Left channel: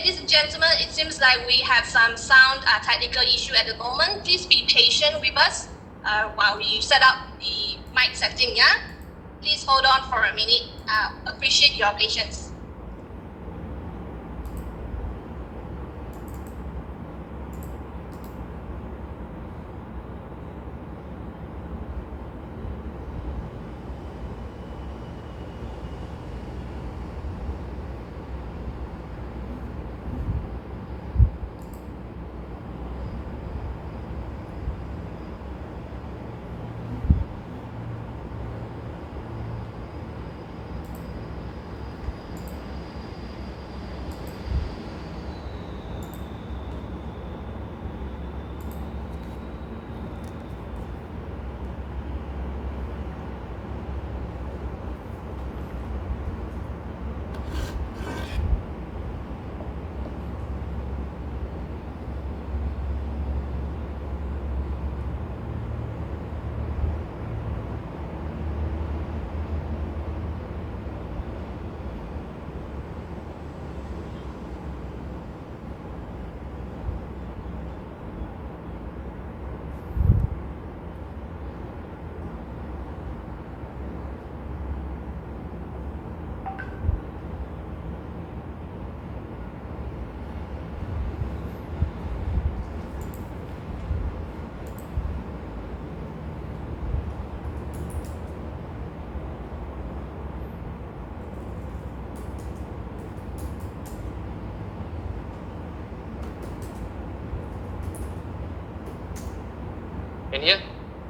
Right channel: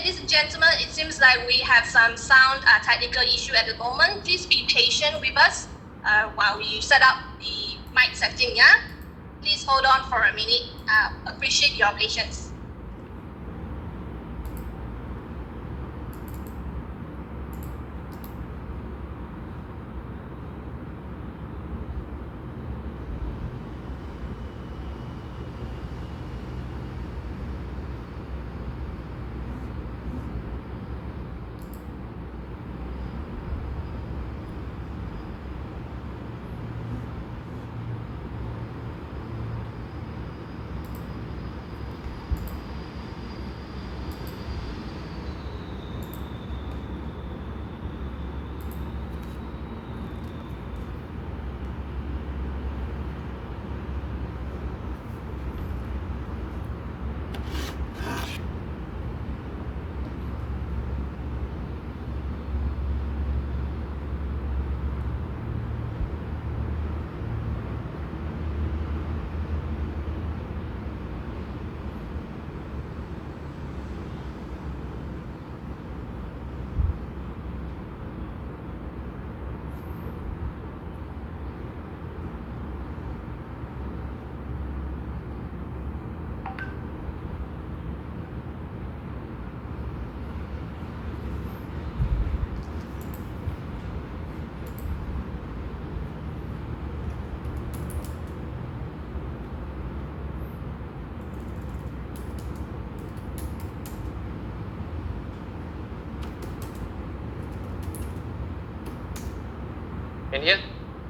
ladies and gentlemen, it seems like we have some sound technical issue at the moment. Please be patient with us while we set up the mic setting, yeah? Please hold on for a minute. Appreciate your patience.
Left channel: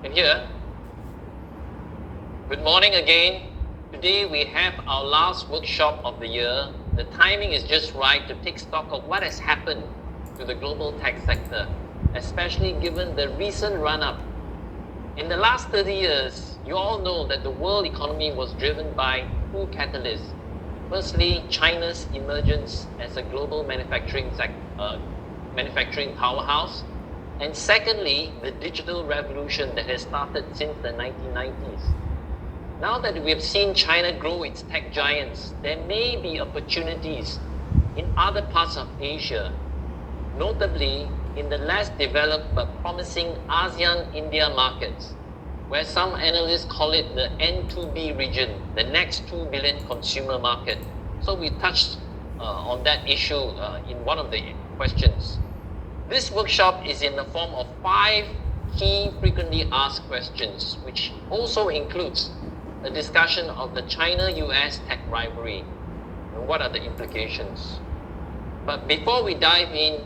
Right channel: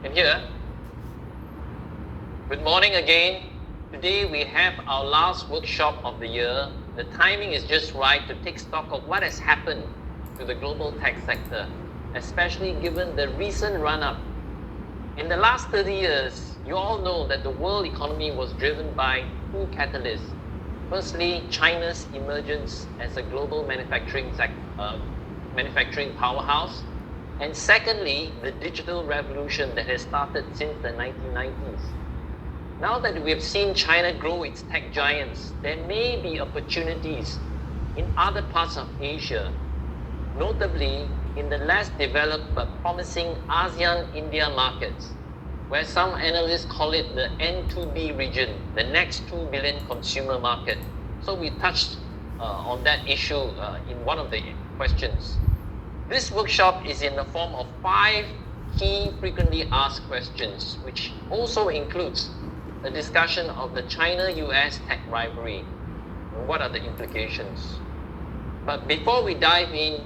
Can hear? Good morning again. Today we have our last workshop of the year. The timing is just right to take stock of what has happened to the global tech sector, especially given the recent run-up. In the last 30 years, you all know that the world economy was driven by two catalysts. Firstly, China's emergence as a global manufacturing powerhouse. And secondly, the digital revolution that has started since the 1990s. Now that we have seen China grow its tech giants, there may be opportunities in other parts of Asia, notably in the less developed but promising ASEAN-India markets, where some analysts call it the N2B region, the next 2 billion consumer market. So we touched on that issue in one of the questions. This workshop is in the form of 5 key frequently asked questions, which also includes a discussion of the China-US tech rivalry and what are the implications. But before we dive in,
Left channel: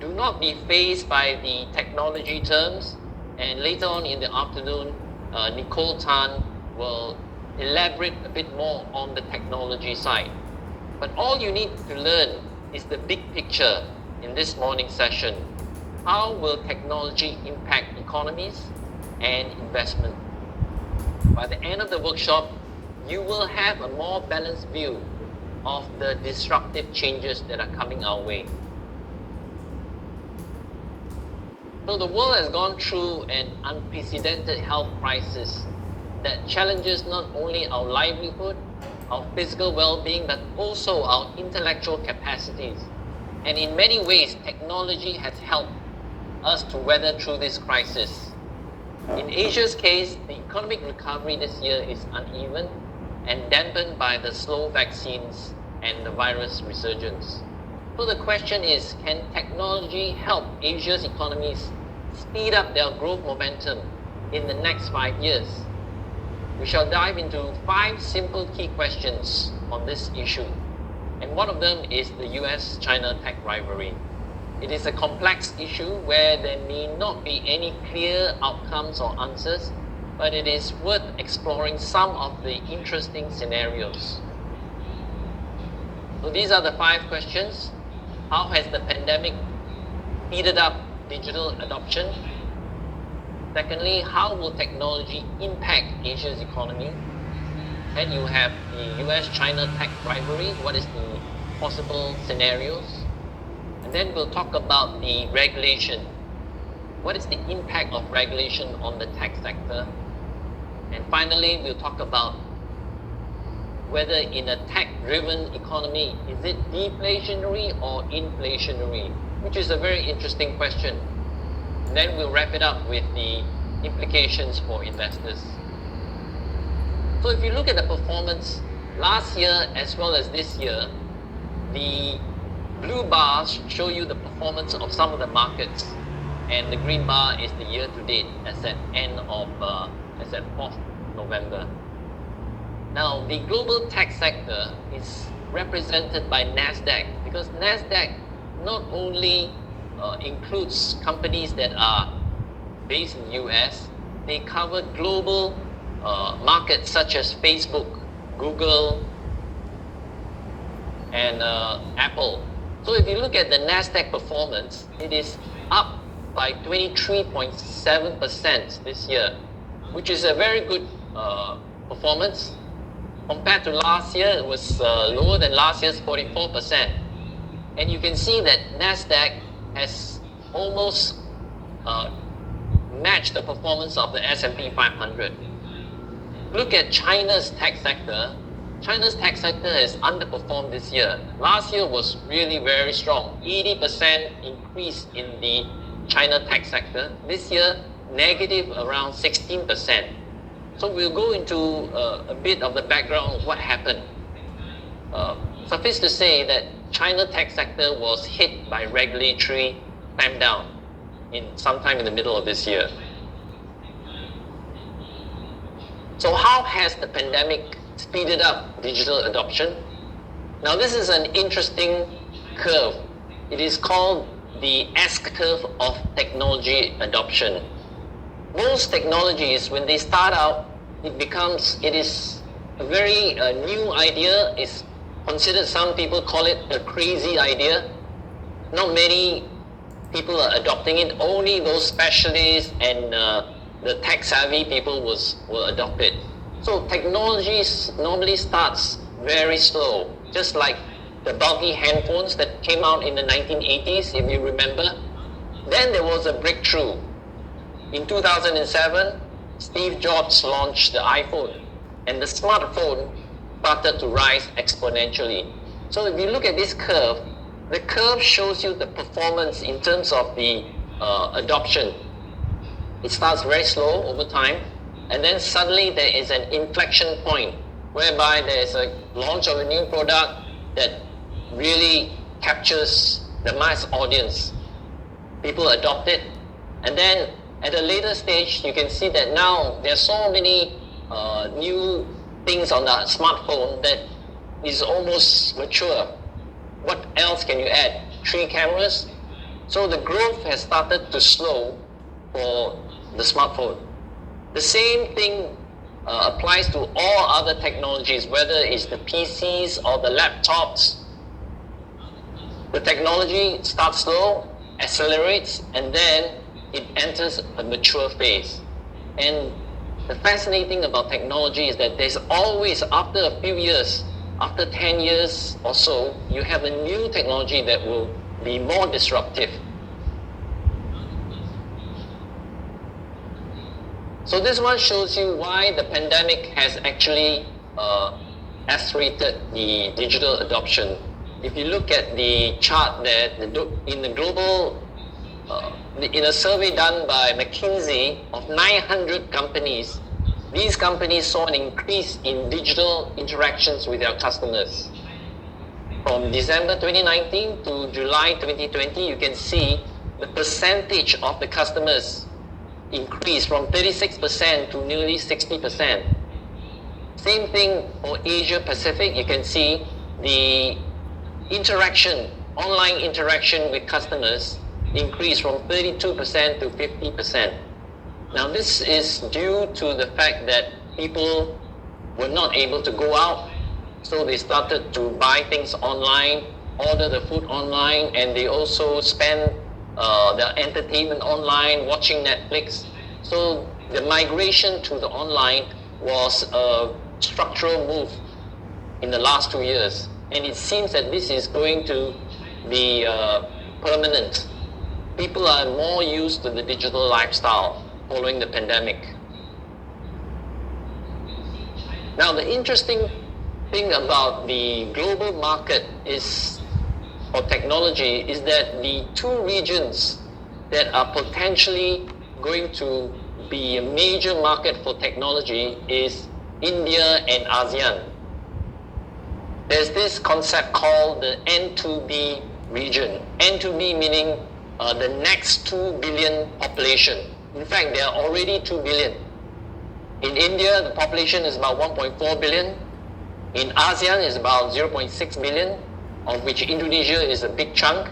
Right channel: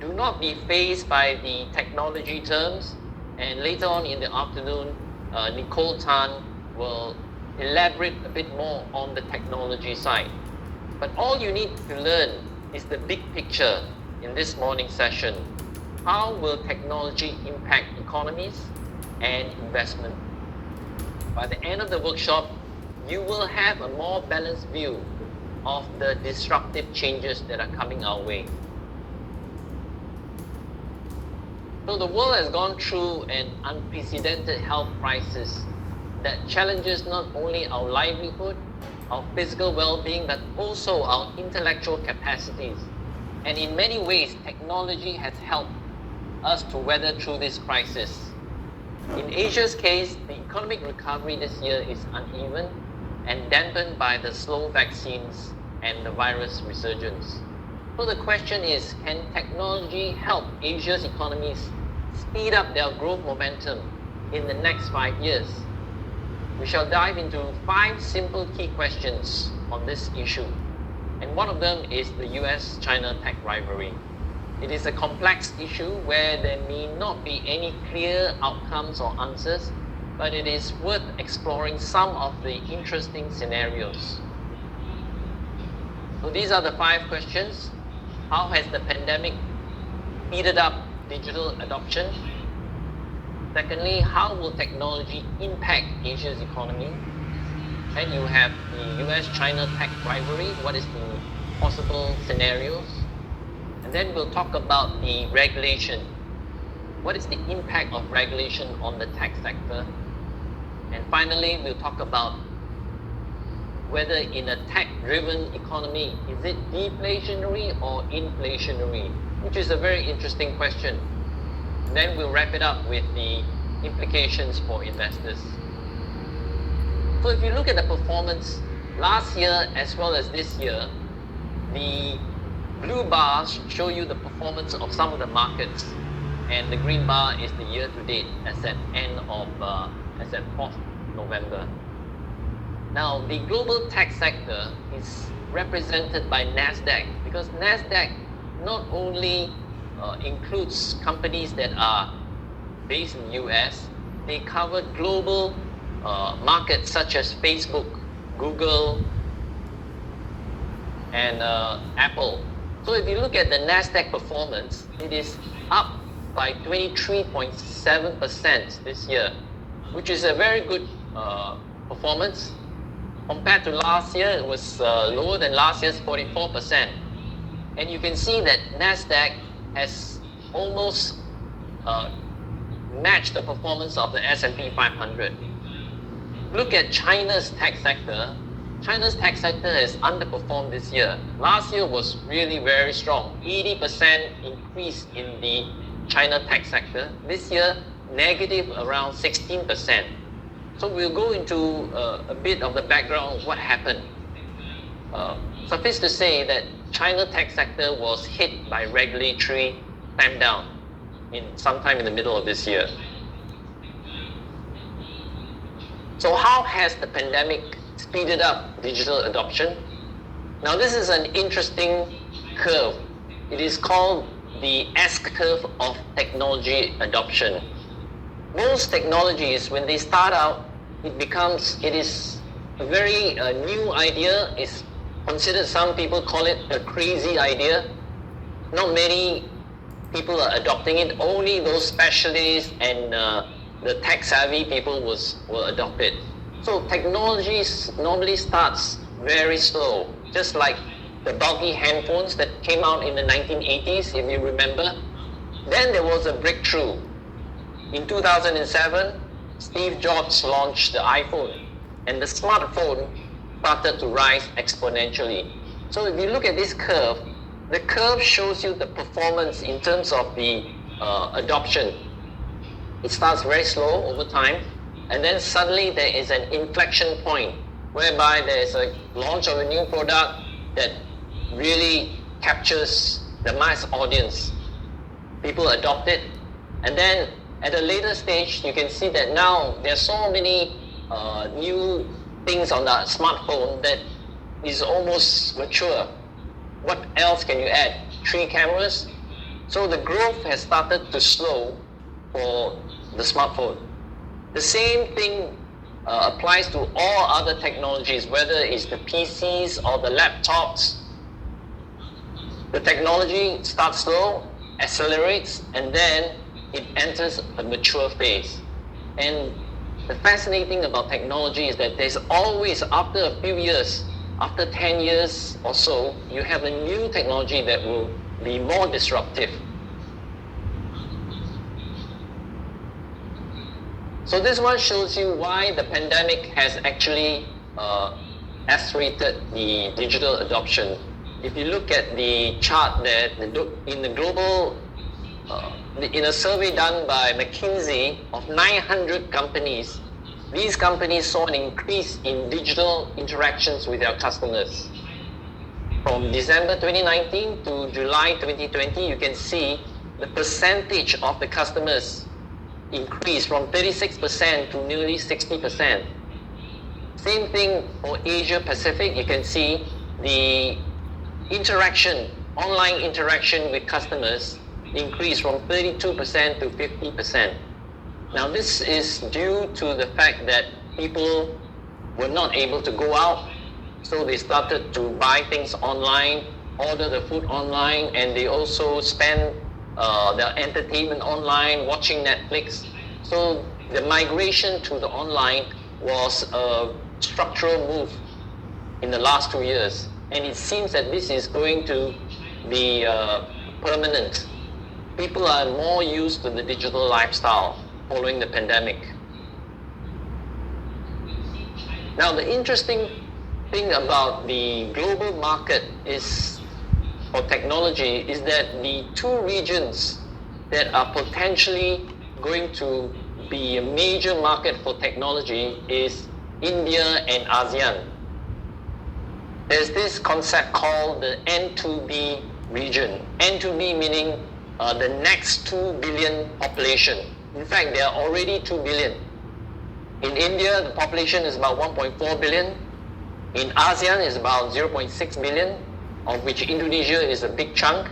do not be fazed by the technology terms, and later on in the afternoon, Nicole Tan will elaborate a bit more on the technology side. But all you need to learn is the big picture in this morning's session. How will technology impact economies and investment? By the end of the workshop, you will have a more balanced view of the disruptive changes that are coming our way. So the world has gone through an unprecedented health crisis that challenges not only our livelihood, our physical well-being, but also our intellectual capacities. And in many ways, technology has helped us to weather through this crisis. In Asia's case, the economic recovery this year is uneven and dampened by the slow vaccines and the virus resurgence. So the question is, can technology help Asia's economies speed up their growth momentum in the next 5 years? We shall dive into 5 simple key questions on this issue. And one of them is the US-China tech rivalry. It is a complex issue where there may not be any clear outcomes or answers, but it is worth exploring some of the interesting scenarios. So these are the 5 questions. How has the pandemic speeded up digital adoption? Secondly, how will technology impact Asia's economy? Then you have the US-China tech rivalry. What is the possible scenarios? And then we'll talk about the regulation. What is the impact of regulation on the tech sector? And finally, we'll talk about whether in a tech-driven economy, is it deflationary or inflationary? Which is a very interesting question. And then we'll wrap it up with the implications for investors. So if you look at the performance last year as well as this year, the blue bars show you the performance of some of the markets, and the green bar is the year to date as at 4th November. Now, the global tech sector is represented by NASDAQ, because NASDAQ not only includes companies that are based in the US, they cover global markets such as Facebook, Google, and Apple. So if you look at the NASDAQ performance, it is up by 23.7% this year, which is a very good performance. Compared to last year, it was lower than last year's 44%. And you can see that NASDAQ has almost matched the performance of the S&P 500. Look at China's tech sector. China's tech sector has underperformed this year. Last year was really very strong, 80% increase in the China tech sector. This year, negative around 16%. So we'll go into a bit of the background of what happened. Suffice to say that China tech sector was hit by regulatory clampdown sometime in the middle of this year. So how has the pandemic speeded up digital adoption? Now this is an interesting curve. It is called the S-curve of technology adoption. Most technologies, when they start out, it is a very new idea. It's considered, some people call it a crazy idea. Not many people are adopting it. Only those specialists and the tech-savvy people will adopt it. So technology normally starts very slow, just like the bulky handphones that came out in the 1980s, if you remember. Then there was a breakthrough. In 2007, Steve Jobs launched the iPhone, and the smartphone started to rise exponentially. So if you look at this curve, the curve shows you the performance in terms of the adoption. It starts very slow over time, and then suddenly there is an inflection point whereby there is a launch of a new product that really captures the mass audience. People adopt it, and then at a later stage, you can see that now there are so many new things on the smartphone that is almost mature. What else can you add? 3 cameras? So the growth has started to slow for the smartphone. The same thing applies to all other technologies, whether it's the PCs or the laptops. The technology starts slow, accelerates, and then it enters a mature phase. And the fascinating thing about technology is that there's always, after a few years, after 10 years or so, you have a new technology that will be more disruptive. So this one shows you why the pandemic has actually accelerated the digital adoption. If you look at the chart there, in the global, in a survey done by McKinsey of 900 companies, these companies saw an increase in digital interactions with their customers. From December 2019 to July 2020, you can see the percentage of the customers increased from 36% to nearly 60%. Same thing for Asia Pacific. You can see the online interaction with customers increased from 32% to 50%. Now this is due to the fact that people were not able to go out, so they started to buy things online, order the food online, and they also spend their entertainment online, watching Netflix. So the migration to the online was a structural move in the last 2 years, and it seems that this is going to be permanent. People are more used to the digital lifestyle following the pandemic. Now the interesting thing about the global market for technology is that the two regions that are potentially going to be a major market for technology is India and ASEAN. There's this concept called the N2B region. N2B meaning the next 2 billion population. In fact, there are already 2 billion. In India, the population is about 1.4 billion. In ASEAN, is about 0.6 billion, of which Indonesia is a big chunk.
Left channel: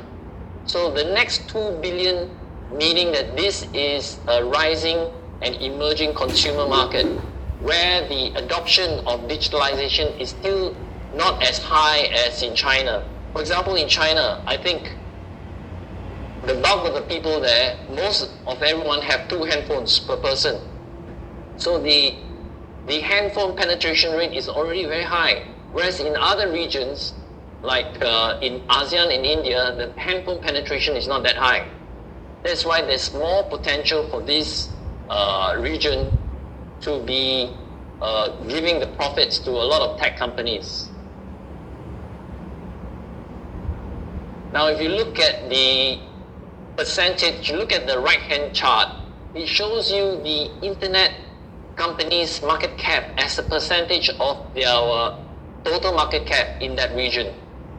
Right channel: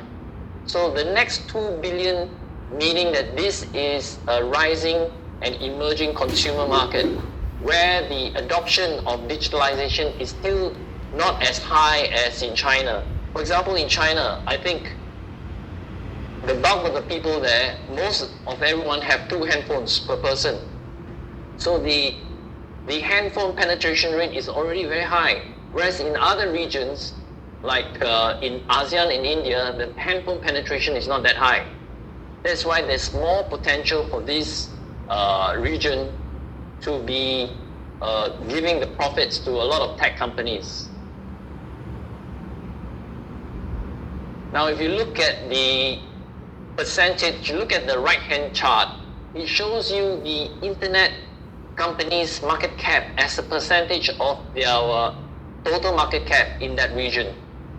So the next 2 billion, meaning that this is a rising and emerging consumer market where the adoption of digitalization is still not as high as in China. For example, in China, I think the bulk of the people there, most of everyone have 2 handphones per person. So the handphone penetration rate is already very high. Whereas in other regions, like in ASEAN and India, the handphone penetration is not that high. That's why there's more potential for this region to be giving the profits to a lot of tech companies. Now, if you look at the percentage, look at the right-hand chart, it shows you the internet companies' market cap as a percentage of their total market cap in that region.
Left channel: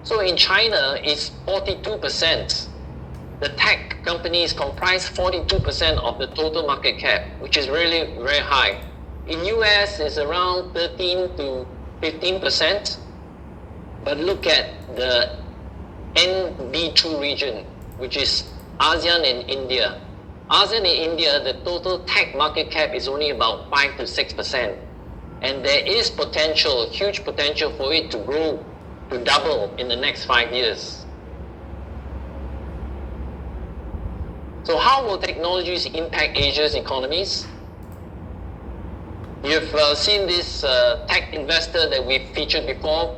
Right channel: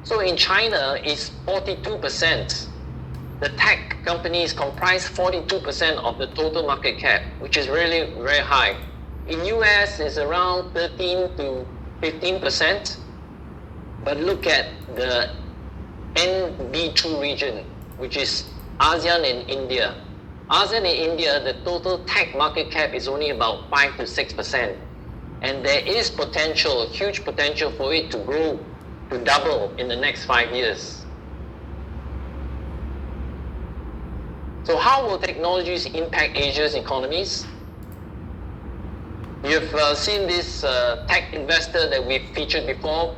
So in China, it's 42%. The tech companies comprise 42% of the total market cap, which is really very high. In US, it's around 13 to 15%. But look at the NB2 region, which is ASEAN and India. ASEAN and India, the total tech market cap is only about 5 to 6%. And there is potential, huge potential for it to grow, to double in the next 5 years. So how will technologies impact Asia's economies? You've seen this tech investor that we've featured before,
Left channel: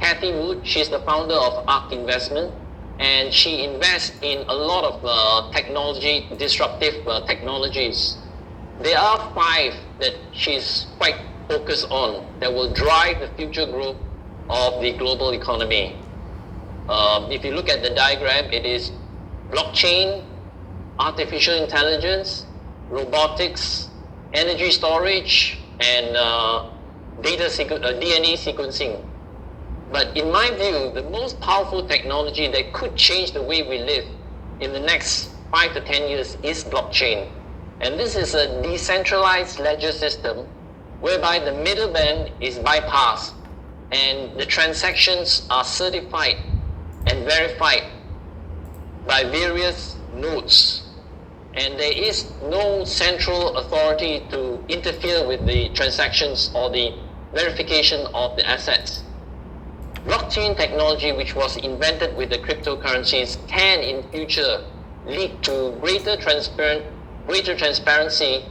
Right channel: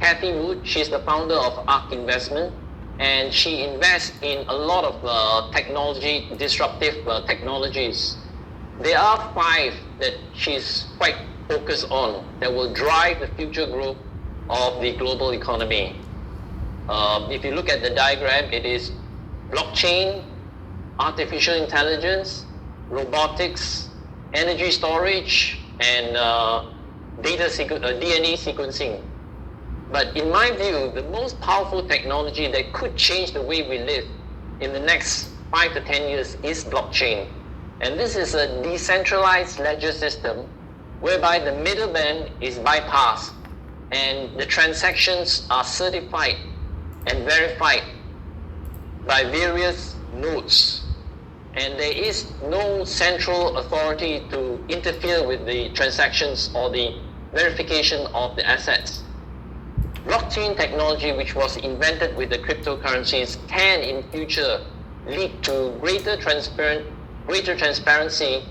Cathy Wood. She's the founder of ARK Investment, and she invests in a lot of disruptive technologies. There are 5 that she's quite focused on that will drive the future growth of the global economy. If you look at the diagram, it is blockchain, artificial intelligence, robotics, energy storage, and DNA sequencing. But in my view, the most powerful technology that could change the way we live in the next 5 to 10 years is blockchain. And this is a decentralized ledger system whereby the middleman is bypassed and the transactions are certified and verified by various nodes. And there is no central authority to interfere with the transactions or the verification of the assets. Blockchain technology, which was invented with the cryptocurrencies, can in future lead to greater transparency,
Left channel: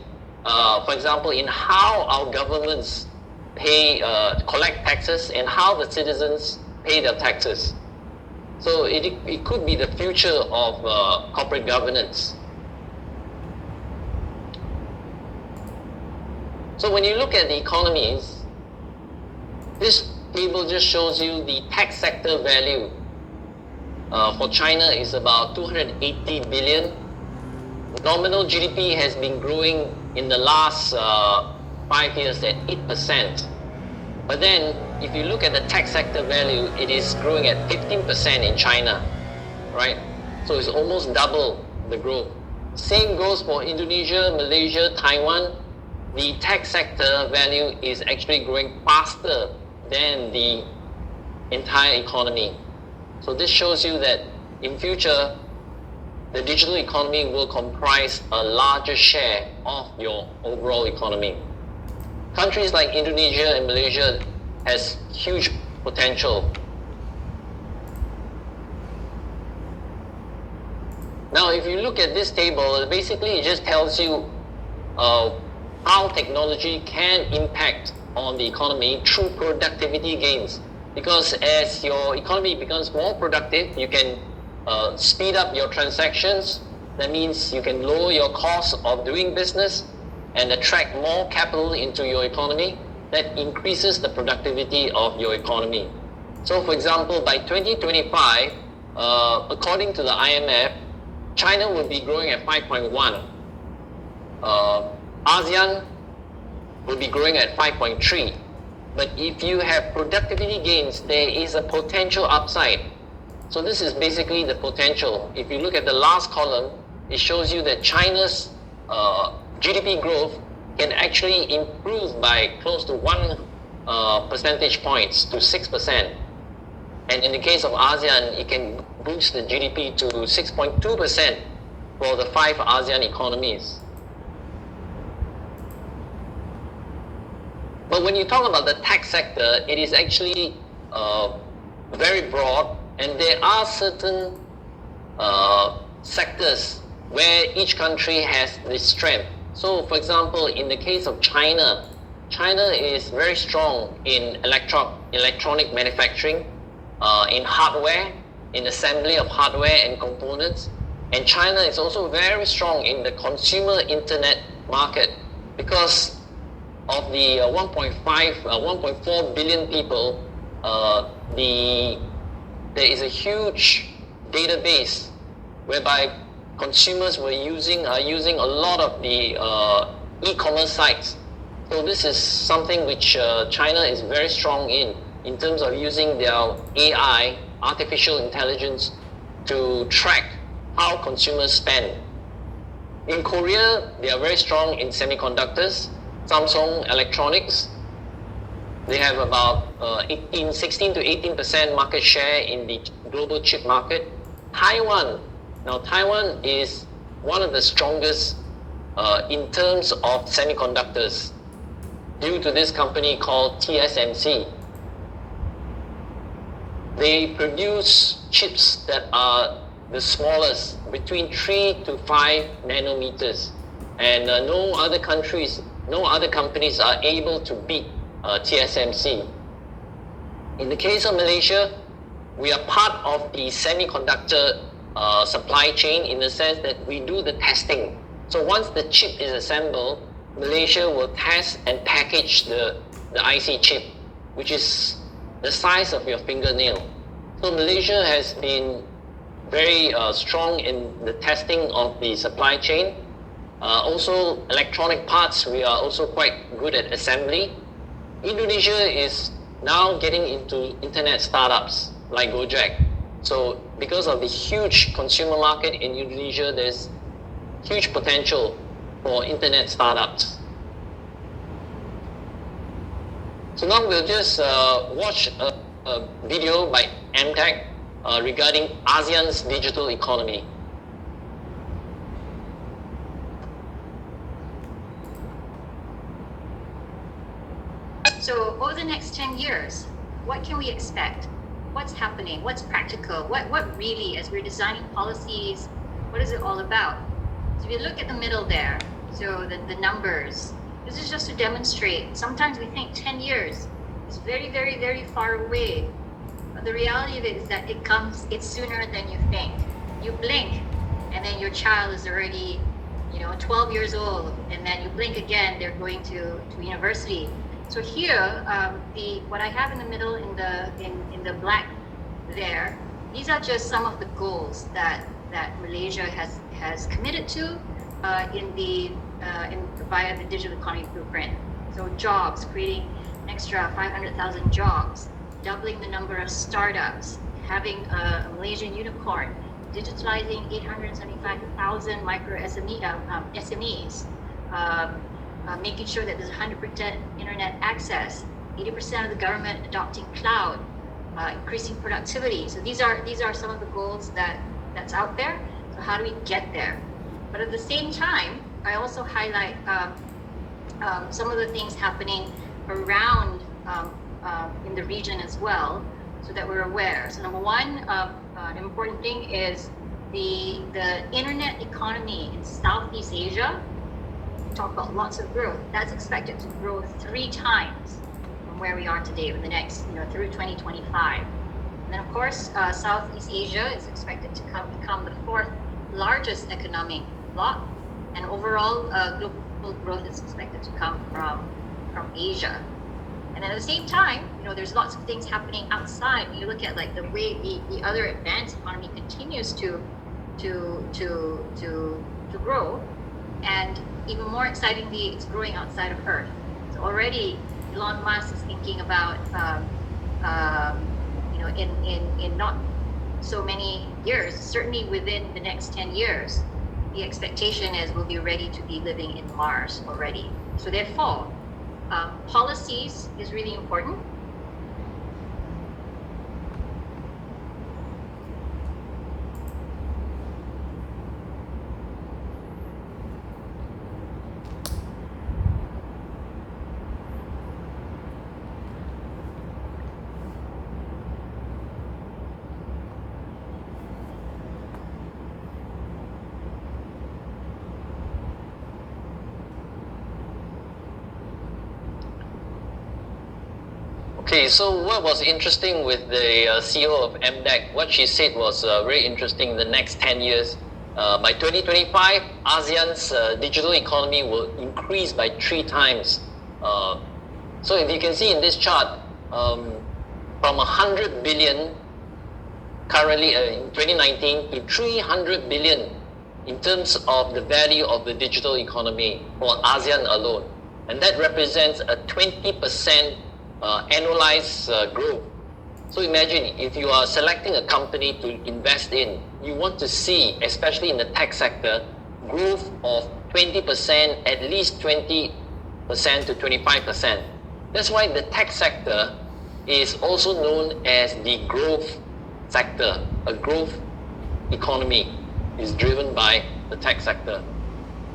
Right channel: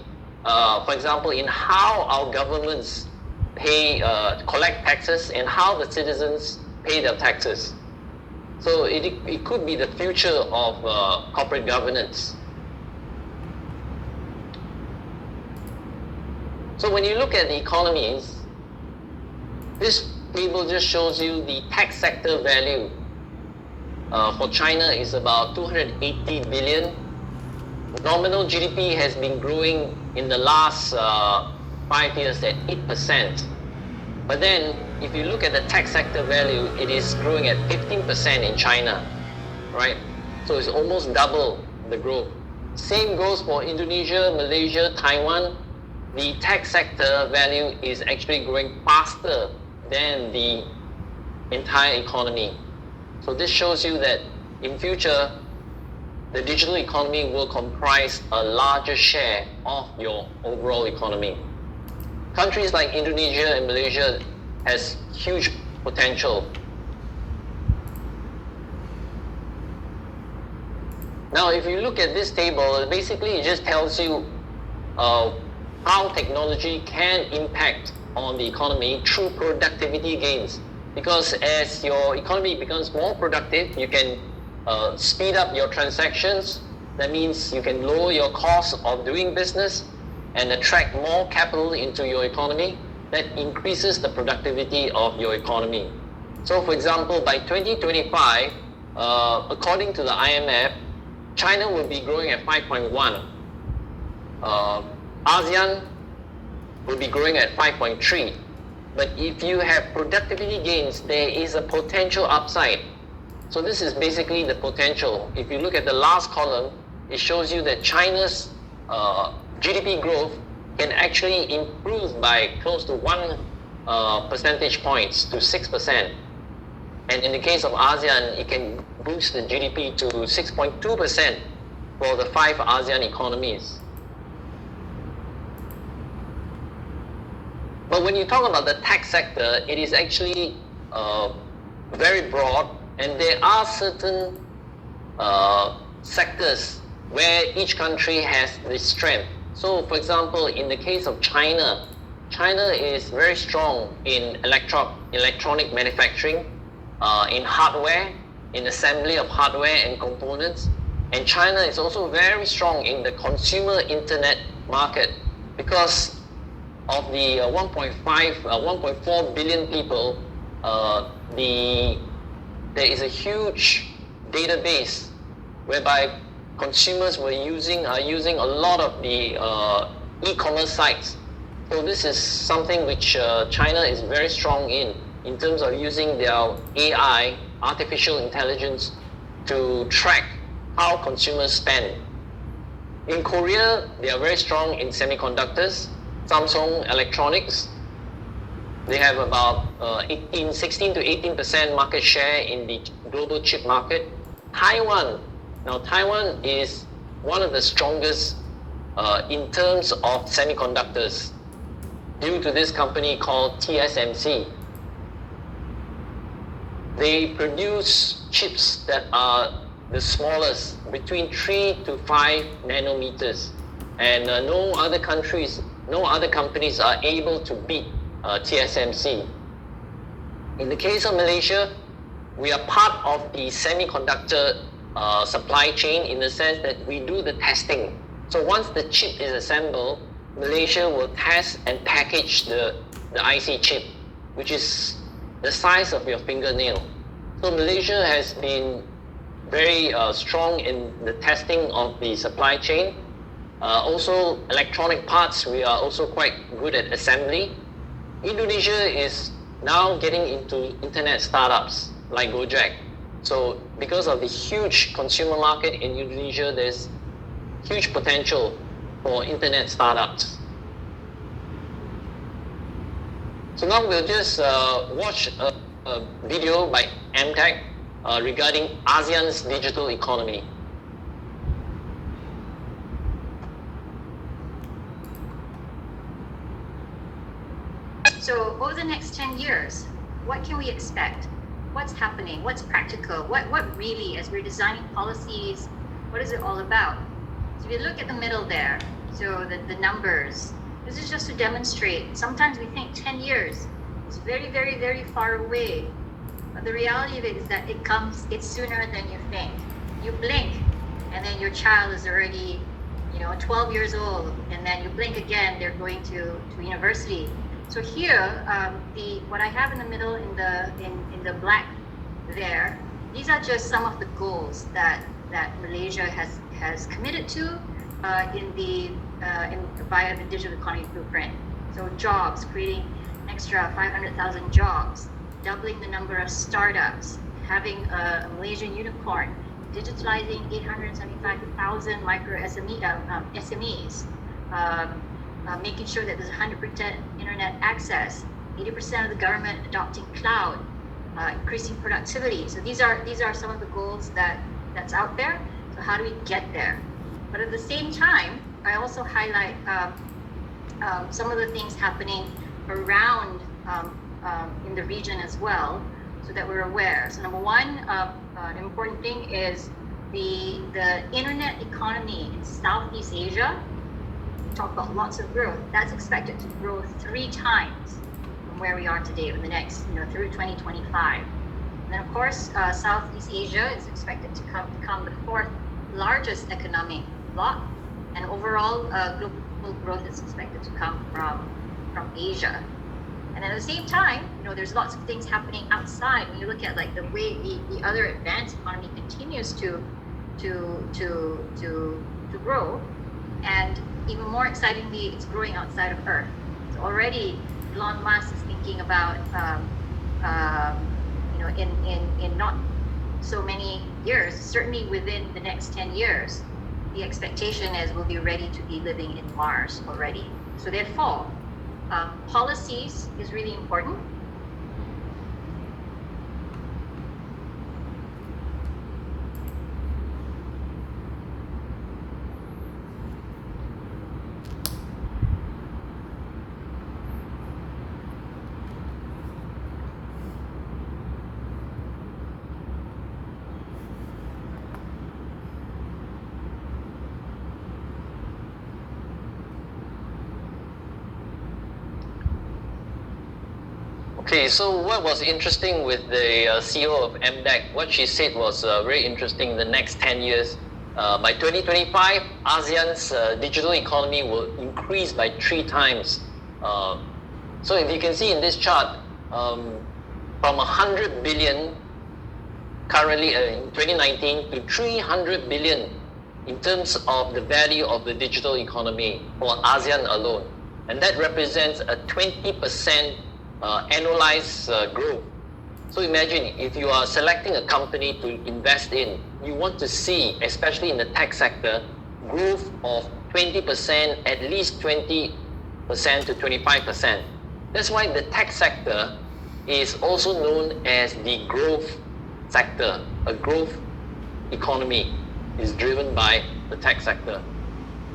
for example, in how our governments collect taxes and how the citizens pay their taxes. So it could be the future of corporate governance. So when you look at the economies, this table just shows you the tech sector value. For China is about 280 billion. Nominal GDP has been growing in the last 5 years at 8%. But then, if you look at the tech sector value, it is growing at 15% in China, right? So it's almost double the growth. Same goes for Indonesia, Malaysia, Taiwan. The tech sector value is actually growing faster than the entire economy. So this shows you that in future, the digital economy will comprise a larger share of your overall economy. Countries like Indonesia and Malaysia has huge potential. Now, if you look at this table, basically it just tells you how technology can impact on the economy through productivity gains. Because as your economy becomes more productive, you can speed up your transactions. That means you can lower your cost of doing business and attract more capital into your economy. And this will lead to that increases the productivity of your economy. So for example, by 2025, according to the IMF, China will be growing at 5.1. ASEAN will be growing at 5.3. But if you have productivity gains, there is a potential upside. So this is basically the potential. If you look at the last column, it shows you that China's GDP growth can actually improve by close to 1 percentage points to 6%. And in the case of ASEAN, it can boost the GDP to 6.2% for the 5 ASEAN economies. But when you talk about the tech sector, it is actually very broad, and there are certain sectors where each country has this strength. So for example, in the case of China, China is very strong in electronic manufacturing, in hardware, in assembly of hardware and components. And China is also very strong in the consumer internet market because of the 1.4 billion people, there is a huge database whereby consumers are using a lot of the e-commerce sites. So this is something which China is very strong in terms of using their AI, artificial intelligence, to track how consumers spend. In Korea, they are very strong in semiconductors. Samsung Electronics, they have about 16 to 18% market share in the global chip market. Taiwan is one of the strongest in terms of semiconductors due to this company called TSMC. They produce chips that are the smallest, between 3 to 5 nanometers, and no other companies are able to beat TSMC. In the case of Malaysia, we are part of the semiconductor supply chain in the sense that we do the testing. So once the chip is assembled, Malaysia will test and package the IC chip, which is the size of your fingernail. So Malaysia has been very strong in the testing of the supply chain. Also, electronic parts, we are also quite good at assembly. Indonesia is now getting into internet startups like Gojek. So because of the huge consumer market in Indonesia, there's huge potential for internet startups. So now we'll just watch a video by MTech regarding ASEAN's digital economy. So over the next 10 years, what can we expect? What's happening? What's practical? What really, as we're designing policies, what is it all about? So if you look at the middle there, so the numbers, this is just to demonstrate. Sometimes we think 10 years is very, very, very far away. But the reality of it is that it's sooner than you think. You blink, and then your child is already, 12 years old, and then you blink again, they're going to university. So here, what I have in the middle in the black there, these are just some of the goals that Malaysia has committed to via the digital economy blueprint. So jobs, creating an extra 500,000 jobs, doubling the number of startups, having a Malaysian unicorn, digitalizing 875,000 micro SMEs. Making sure that there's 100% internet access, 80% of the government adopting cloud, increasing productivity. So these are some of the goals that's out there. So how do we get there? But at the same time, I also highlight some of the things happening around in the region as well, so that we're aware. So number one, an important thing is the internet economy in Southeast Asia. Talk about lots of growth. That's expected to grow 3 times from where we are today in the next, through 2025. And then of course, Southeast Asia is expected to become the 4th largest economic bloc, and overall global growth is expected to come from Asia. And at the same time, there's lots of things happening outside. When you look at like the way the other advanced economy continues to grow, and even more excitingly, it's growing outside of Earth. So already, Elon Musk is thinking about, in not so many years, certainly within the next 10 years, the expectation is we'll be ready to be living in Mars already. So therefore, policies is really important. Okay, so what was interesting with the CEO of MDEC, what she said was very interesting. The next 10 years, by 2025, ASEAN's digital economy will increase by 3 times. So if you can see in this chart, from 100 billion currently in 2019 to 300 billion in terms of the value of the digital economy for ASEAN alone. And that represents a 20% annualized growth. So imagine if you are selecting a company to invest in, you want to see, especially in the tech sector, growth of 20%, at least 20% to 25%. That's why the tech sector is also known as the growth sector. A growth economy is driven by the tech sector.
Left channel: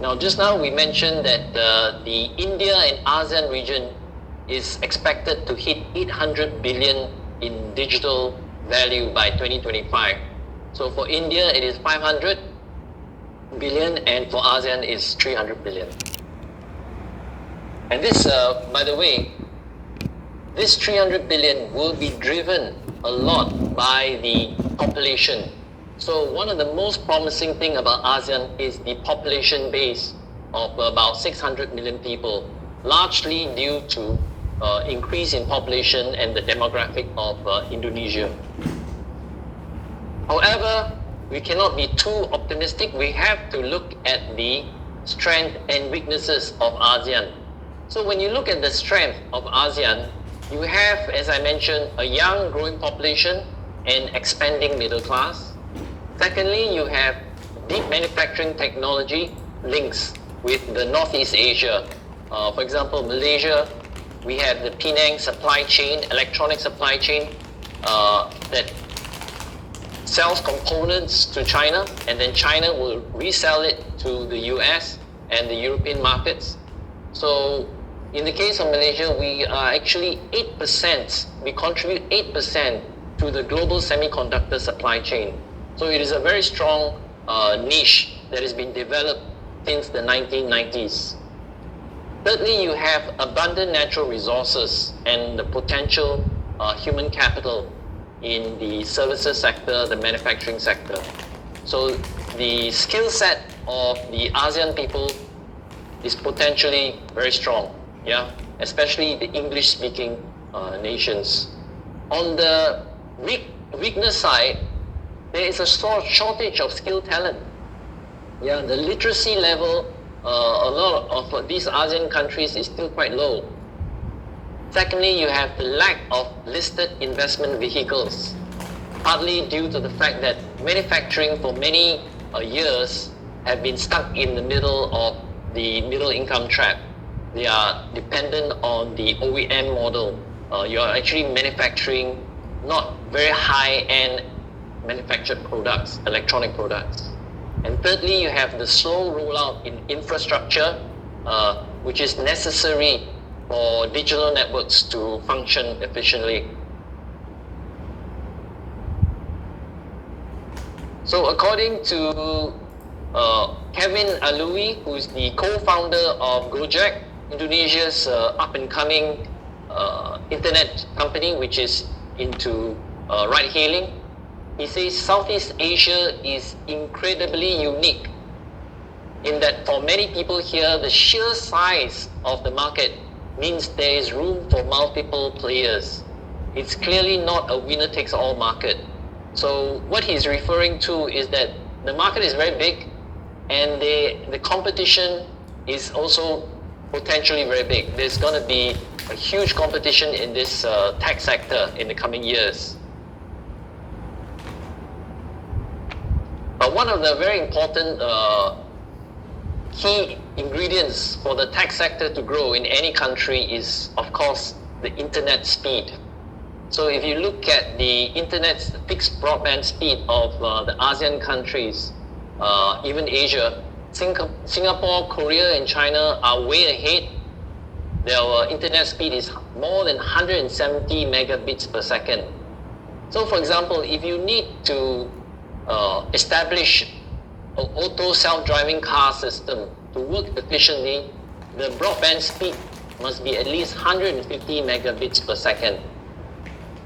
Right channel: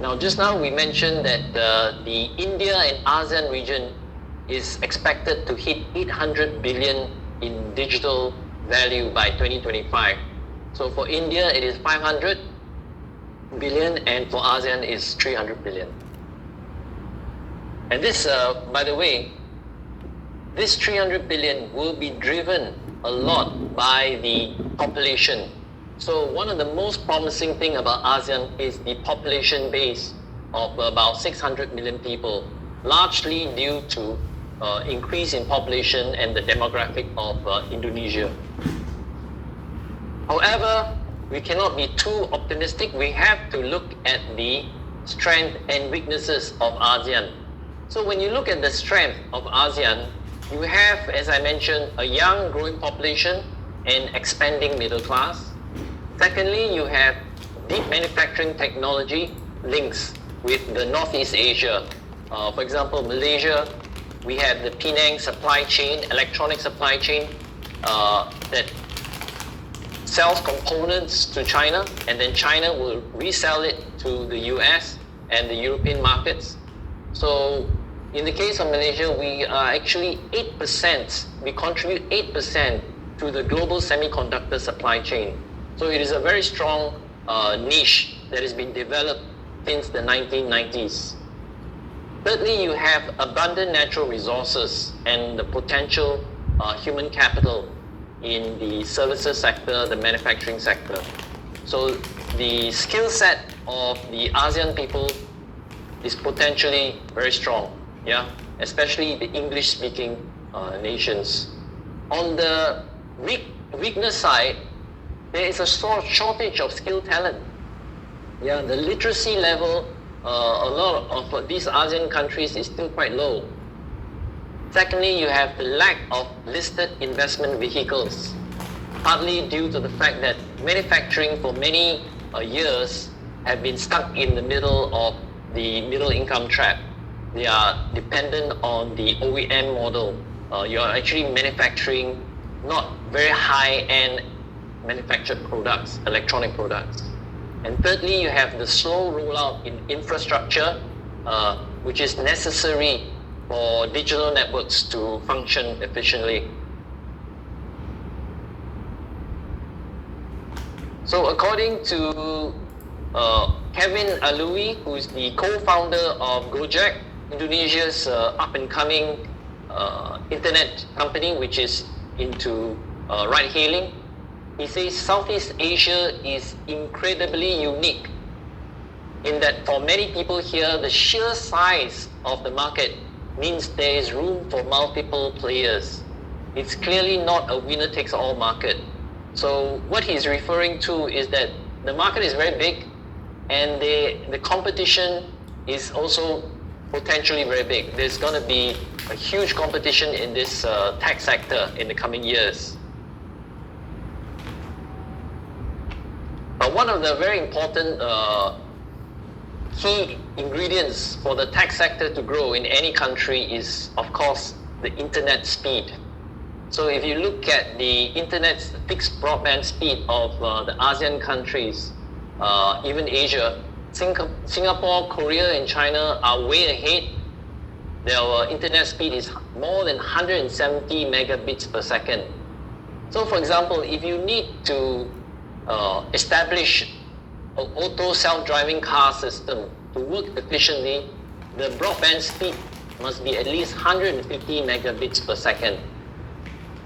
Now, just now we mentioned that the India and ASEAN region is expected to hit 800 billion in digital value by 2025. So for India, it is 500 billion, and for ASEAN is 300 billion. And this, by the way, this 300 billion will be driven a lot by the population. So one of the most promising thing about ASEAN is the population base of about 600 million people, largely due to increase in population and the demographic of Indonesia. However, we cannot be too optimistic. We have to look at the strength and weaknesses of ASEAN. So when you look at the strength of ASEAN, you have, as I mentioned, a young growing population and expanding middle class. Secondly, you have deep manufacturing technology links with the Northeast Asia. For example, Malaysia, we have the Penang supply chain, electronic supply chain that sells components to China, and then China will resell it to the US and the European markets. So in the case of Malaysia, we are actually 8%, we contribute 8% to the global semiconductor supply chain. So it is a very strong niche that has been developed since the 1990s. Thirdly, you have abundant natural resources and the potential human capital in the services sector, the manufacturing sector. So the skill set of the ASEAN people is potentially very strong, especially the English-speaking nations. On the weakness side, there is a shortage of skilled talent. The literacy level, a lot of these ASEAN countries is still quite low. Secondly, you have the lack of listed investment vehicles, partly due to the fact that manufacturing for many years have been stuck in the middle of the middle income trap. They are dependent on the OEM model. You are actually manufacturing not very high-end manufactured products, electronic products. And thirdly, you have the slow rollout in infrastructure, which is necessary for digital networks to function efficiently. So according to Kevin Alui, who is the co-founder of Gojek, Indonesia's up-and-coming internet company, which is into ride-hailing, he says Southeast Asia is incredibly unique in that for many people here, the sheer size of the market means there is room for multiple players. It's clearly not a winner-takes-all market. So what he's referring to is that the market is very big, and the competition is also potentially very big. There's going to be a huge competition in this tech sector in the coming years. But one of the very important key ingredients for the tech sector to grow in any country is, of course, the internet speed. So if you look at the internet fixed broadband speed of the ASEAN countries, even Asia, Singapore, Korea, and China are way ahead. Their internet speed is more than 170 megabits per second. So for example, if you need to establish an auto self-driving car system to work efficiently, the broadband speed must be at least 150 megabits per second.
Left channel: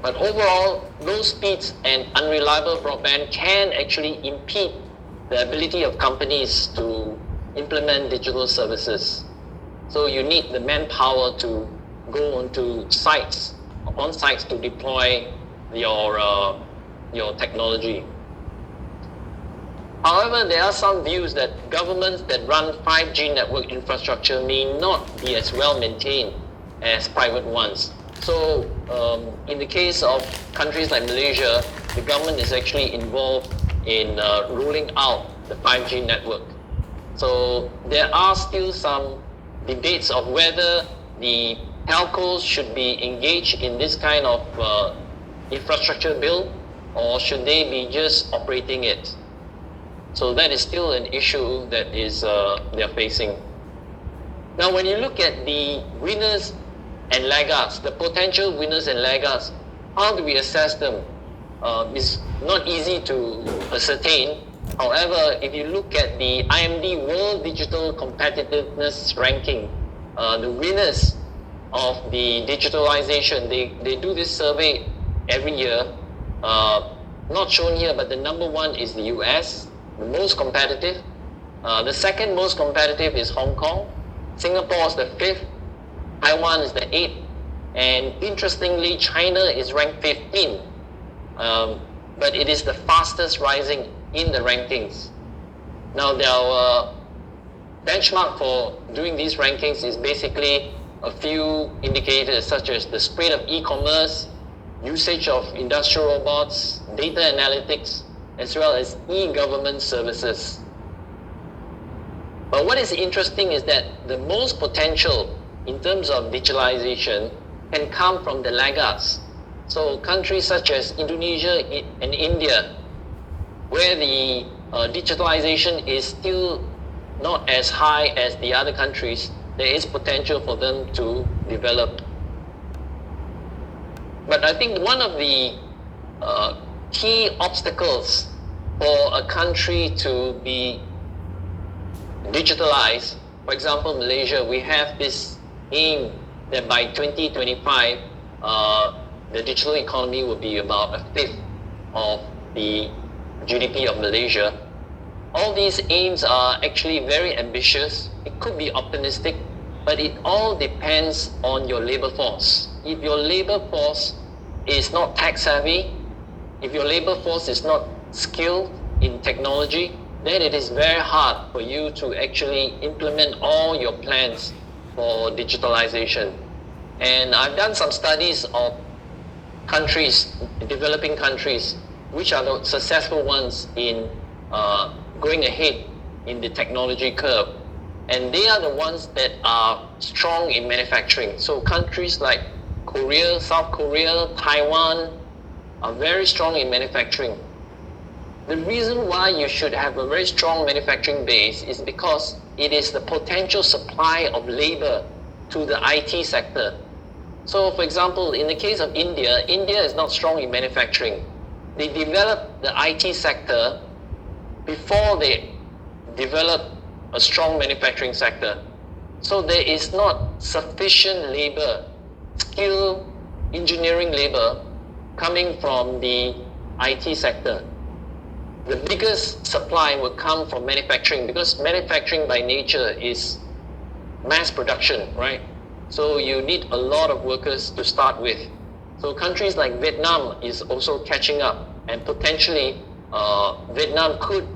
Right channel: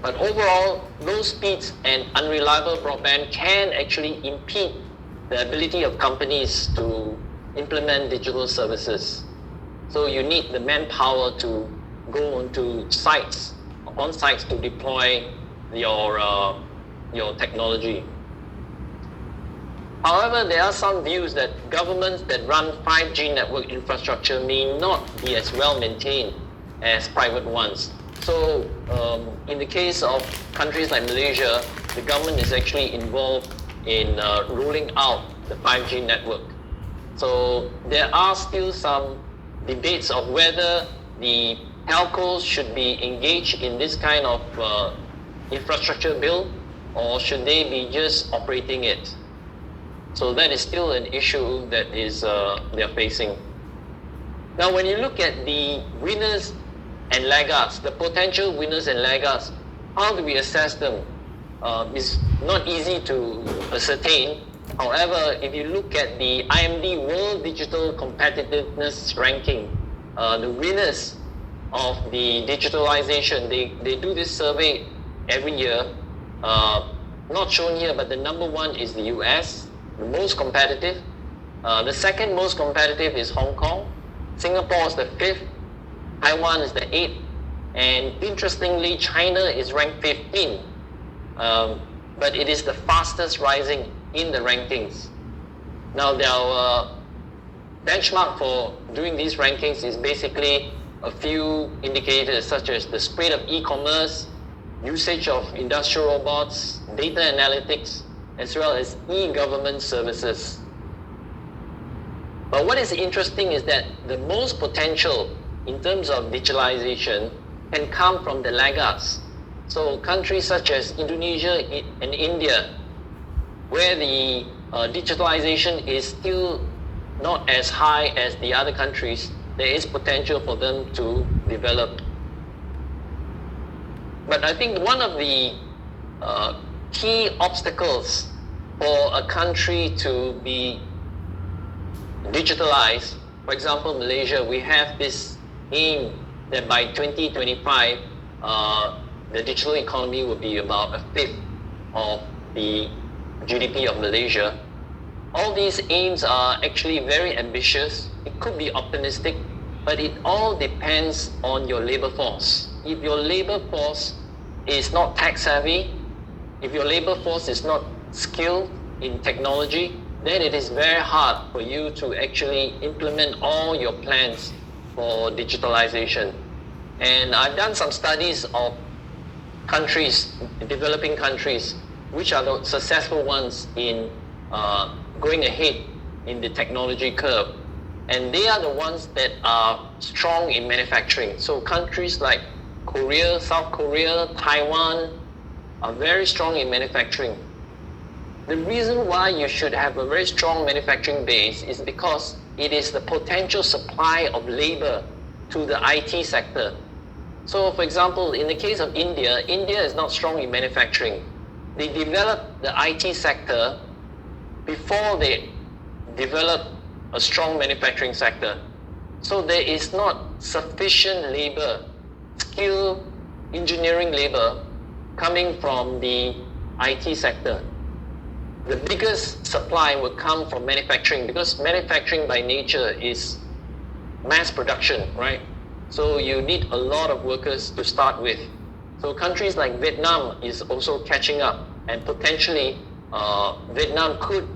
But overall, low speeds and unreliable broadband can actually impede the ability of companies to implement digital services. So you need the manpower to go onto sites, on sites to deploy your technology. However, there are some views that governments that run 5G network infrastructure may not be as well maintained as private ones. So in the case of countries like Malaysia, the government is actually involved in rolling out the 5G network. So there are still some debates of whether the telcos should be engaged in this kind of infrastructure build, or should they be just operating it. So that is still an issue that is they're facing. Now when you look at the winners and laggards, the potential winners and laggards, how do we assess them? It's not easy to ascertain. However, if you look at the IMD World Digital Competitiveness Ranking, the winners of the digitalization, they do this survey every year. Not shown here, but the number one is the US, the most competitive. The second most competitive is Hong Kong. Singapore is the fifth. Taiwan is the 8th, and interestingly, China is ranked 15, but it is the fastest rising in the rankings. Now, their benchmark for doing these rankings is basically a few indicators such as the spread of e-commerce, usage of industrial robots, data analytics, as well as e-government services. But what is interesting is that the most potential in terms of digitalization can come from the laggards. So countries such as Indonesia and India, where the digitalization is still not as high as the other countries, there is potential for them to develop. But I think one of the key obstacles for a country to be digitalized, for example, Malaysia, we have this aim that by 2025, the digital economy will be about a fifth of the GDP of Malaysia. All these aims are actually very ambitious. It could be optimistic, but it all depends on your labor force. If your labor force is not tech savvy, if your labor force is not skilled in technology, then it is very hard for you to actually implement all your plans for digitalization. And I've done some studies of countries, developing countries, which are the successful ones in going ahead in the technology curve. And they are the ones that are strong in manufacturing. So countries like Korea, South Korea, Taiwan are very strong in manufacturing. The reason why you should have a very strong manufacturing base is because it is the potential supply of labor to the IT sector. So for example, in the case of India, India is not strong in manufacturing. They developed the IT sector before they developed a strong manufacturing sector. So there is not sufficient labor, skilled engineering labor coming from the IT sector. The biggest supply will come from manufacturing, because manufacturing by nature is mass production, right? So you need a lot of workers to start with. So countries like Vietnam is also catching up, and potentially Vietnam could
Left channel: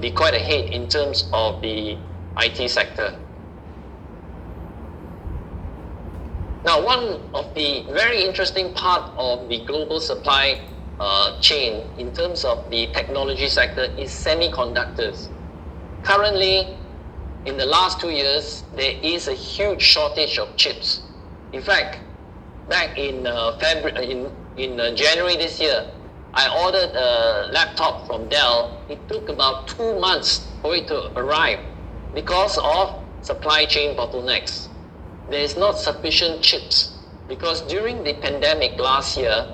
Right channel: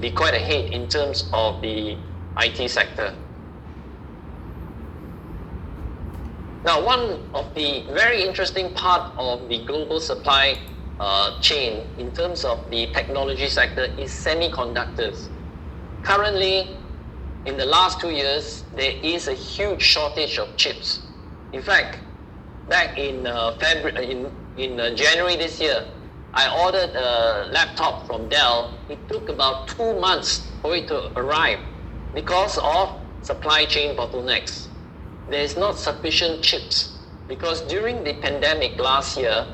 be quite ahead in terms of the IT sector. Now, one of the very interesting part of the global supply chain in terms of the technology sector is semiconductors. Currently, in the last 2 years, there is a huge shortage of chips. In fact, back in January this year, I ordered a laptop from Dell. It took about 2 months for it to arrive because of supply chain bottlenecks. There is not sufficient chips because during the pandemic last year,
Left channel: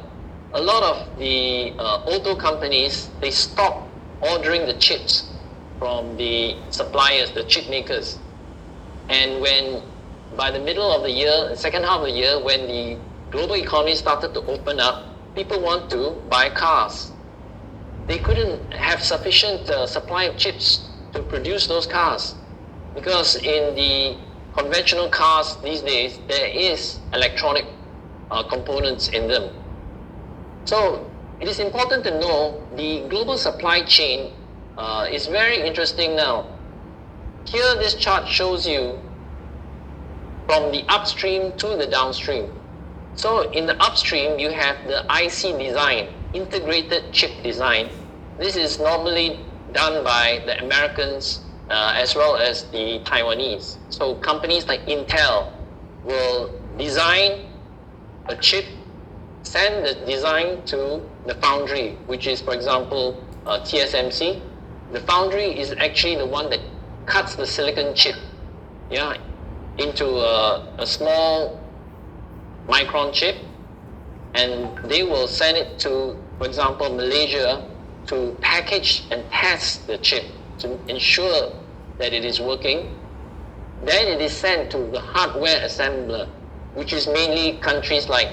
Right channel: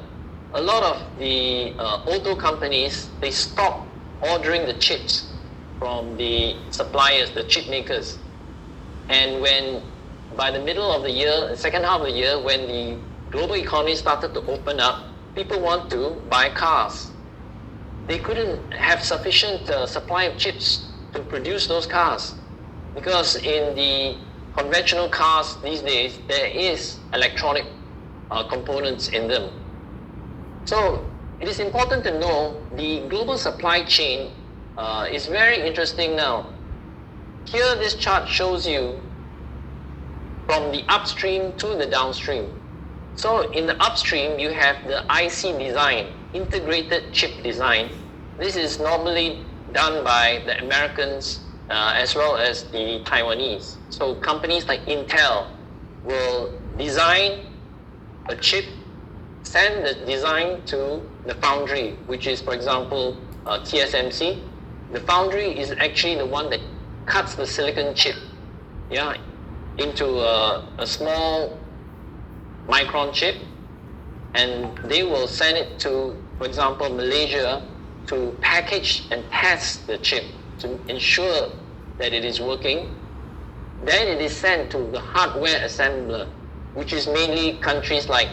a lot of the auto companies, they stopped ordering the chips from the suppliers, the chip makers. And when by the middle of the year, the second half of the year, when the global economy started to open up, people want to buy cars. They couldn't have sufficient supply of chips to produce those cars because in the conventional cars these days, there is electronic components in them. So it is important to know the global supply chain is very interesting now. Here, this chart shows you from the upstream to the downstream. So in the upstream, you have the IC design, integrated chip design. This is normally done by the Americans as well as the Taiwanese. So companies like Intel will design a chip, send the design to the foundry, which is, for example, TSMC. The foundry is actually the one that cuts the silicon chip, into a small micron chip, and they will send it to, for example, Malaysia to package and test the chip to ensure that it is working. Then it is sent to the hardware assembler, which is mainly countries like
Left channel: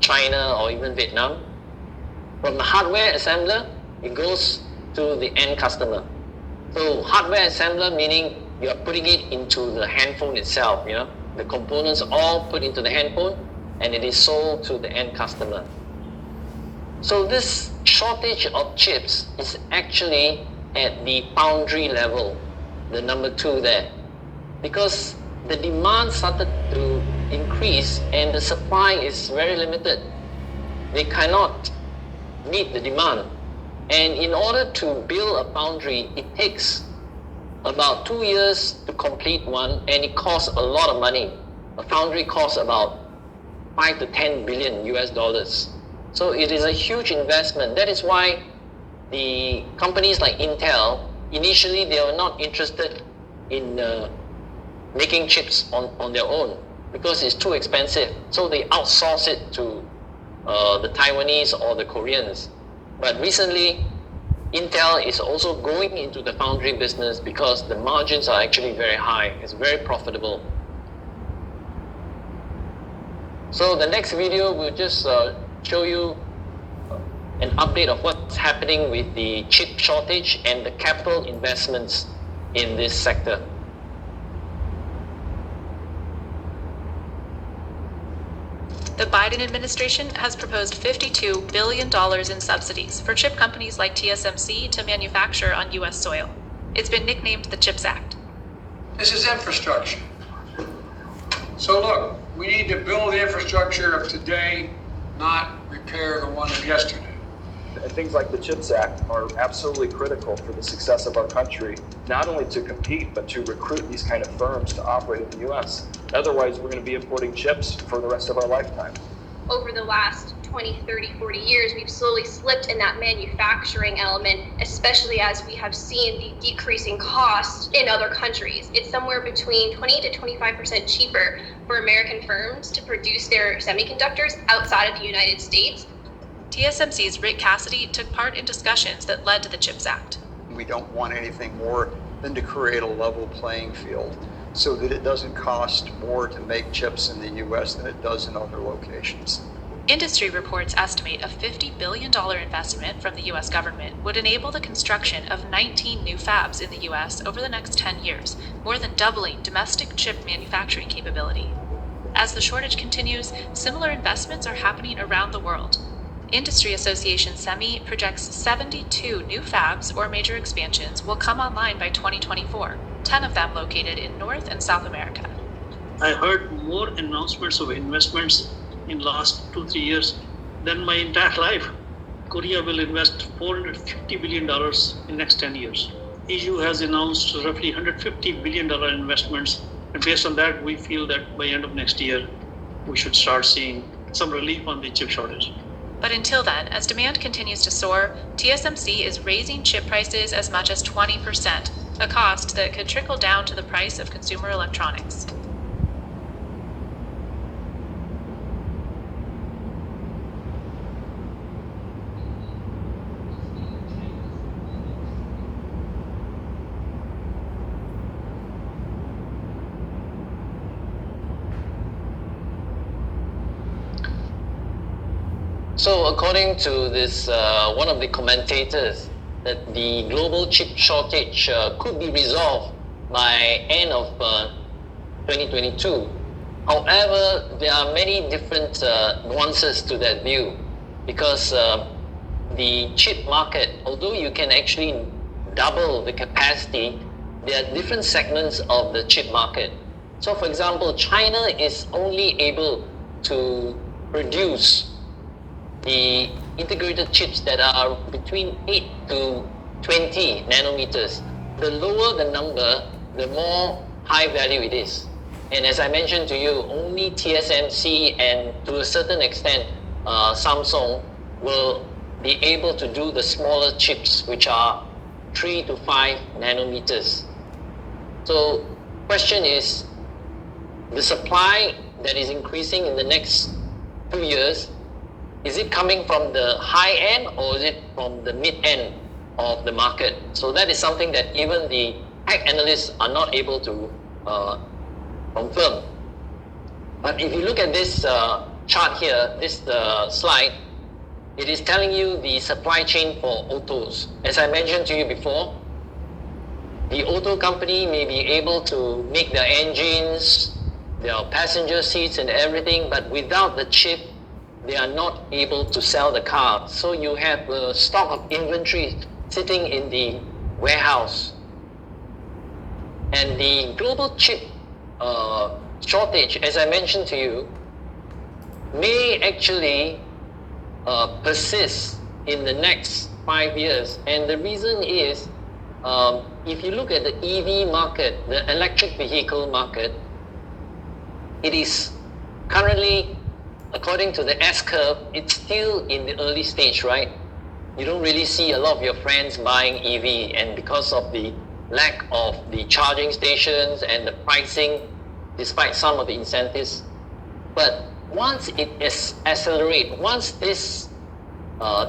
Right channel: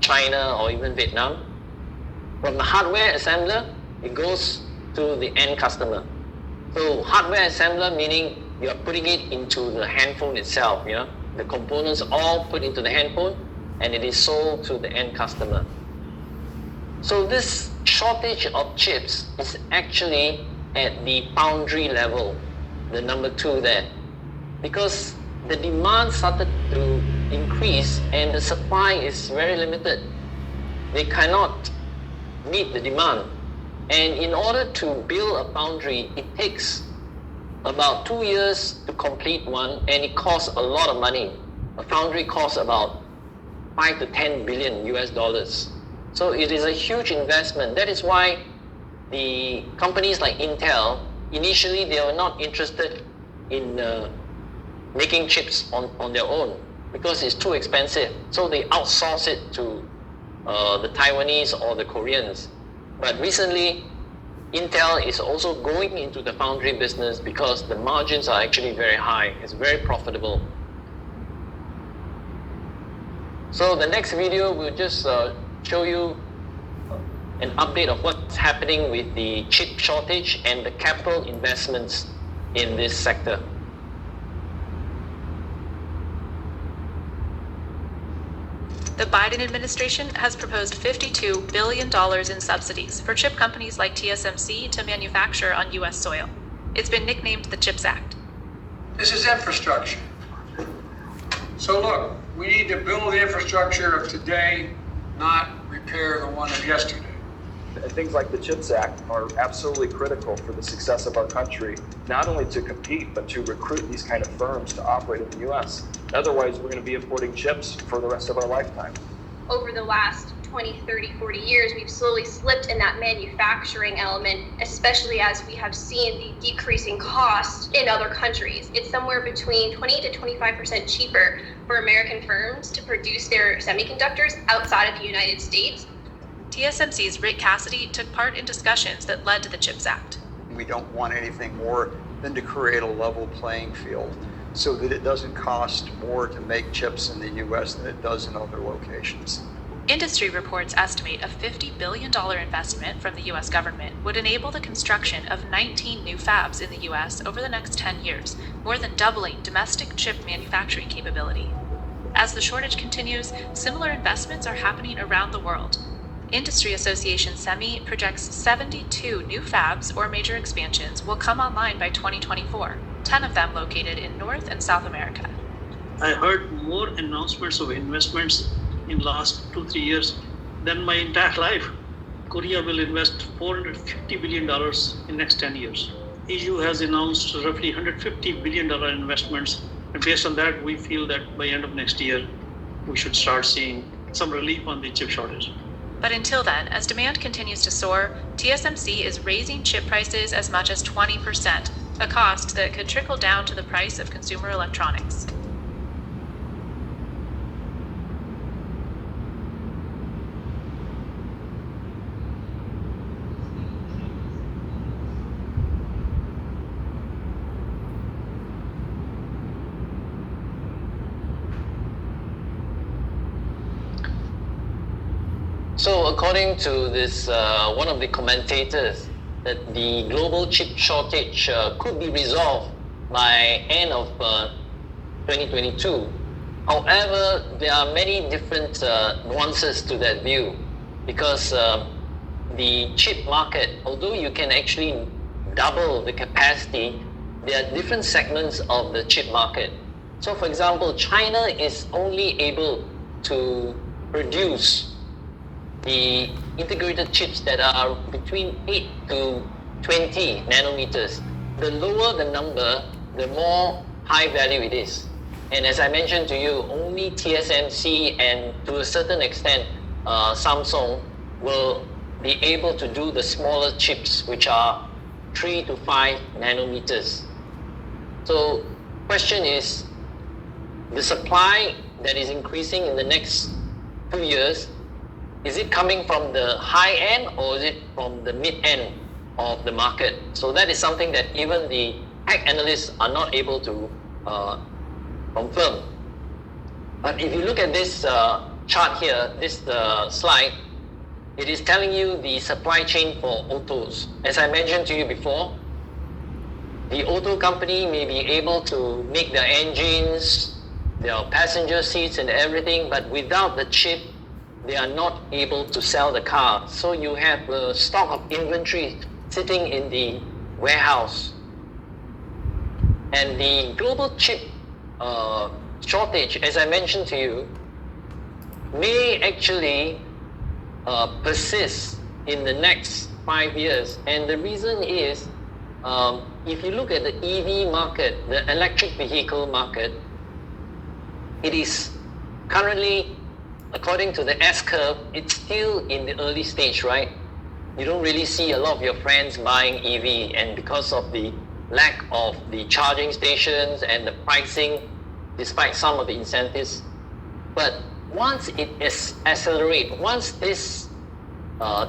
China or even Vietnam. From the hardware assembler, it goes to the end customer. So hardware assembler meaning you are putting it into the handphone itself, the components all put into the handphone, and it is sold to the end customer. So this shortage of chips is actually at the foundry level, the number 2 there, because the demand started to increase and the supply is very limited. They cannot meet the demand. And in order to build a foundry, it takes about 2 years to complete one, and it costs a lot of money. A foundry costs about 5 to 10 billion US dollars. So it is a huge investment. That is why the companies like Intel, initially they were not interested in making chips on their own because it's too expensive. So they outsource it to the Taiwanese or the Koreans. But recently, Intel is also going into the foundry business because the margins are actually very high. It's very profitable. So the next video will just show you an update of what's happening with the chip shortage and the capital investments in this sector. The Biden administration has proposed $52 billion in subsidies for chip companies like TSMC to manufacture on U.S. soil. It's been nicknamed the CHIPS Act. This is infrastructure. So look, we need to build the infrastructure of today, not repair the one of yesterday. And things like the CHIPS Act are absolutely critical for the success of our country, not only to compete, but to recruit these kind of firms to operate in the U.S. Otherwise, we're going to be importing chips for the rest of our lifetime. Over the last 20, 30, 40 years, we've slowly slipped in that manufacturing element, especially as we have seen the decreasing costs in other countries. It's somewhere between 20 to 25% cheaper for American firms to produce their semiconductors outside of the United States. TSMC's Rick Cassidy took part in discussions that led to the CHIPS Act. We don't want anything more than to create a level playing field so that it doesn't cost more to make chips in the U.S. than it does in other locations. Industry reports estimate a $50 billion investment from the US government would enable the construction of 19 new fabs in the US over the next 10 years, more than doubling domestic chip manufacturing capability. As the shortage continues, similar investments are happening around the world. Industry Association SEMI projects 72 new fabs or major expansions will come online by 2024, 10 of them located in North and South America. I heard more announcements of investments in last 2-3 years than my entire life. Korea will invest $450 billion in next 10 years. EU has announced roughly $150 billion investments, and based on that, we feel that by end of next year, we should start seeing some relief on the chip shortage. But until then, as demand continues to soar, TSMC is raising chip prices as much as 20%, a cost that could trickle down to the price of consumer electronics. So according to this, one of the commentators, that the global chip shortage could be resolved by end of 2022. However, there are many different nuances to that view, because the chip market, although you can actually double the capacity, there are different segments of the chip market. So for example, China is only able to produce the integrated chips that are between 8 to 20 nanometers. The lower the number, the more high value it is. And as I mentioned to you, only TSMC and to a certain extent Samsung will be able to do the smaller chips, which are 3 to 5 nanometers. So question is, the supply that is increasing in the next 2 years, is it coming from the high end or is it from the mid end of the market? So that is something that even the tech analysts are not able to confirm. But if you look at this chart here, this slide, it is telling you the supply chain for autos. As I mentioned to you before, the auto company may be able to make their engines, their passenger seats and everything, but without the chip, they are not able to sell the car. So you have a stock of inventory sitting in the warehouse. And the global chip shortage, as I mentioned to you, may actually persist in the next 5 years. And the reason is, if you look at the EV market, the electric vehicle market, it is currently, according to the S-curve, it's still in the early stage, right? You don't really see a lot of your friends buying EV, and because of the lack of the charging stations and the pricing, despite some of the incentives. But once it accelerates, once this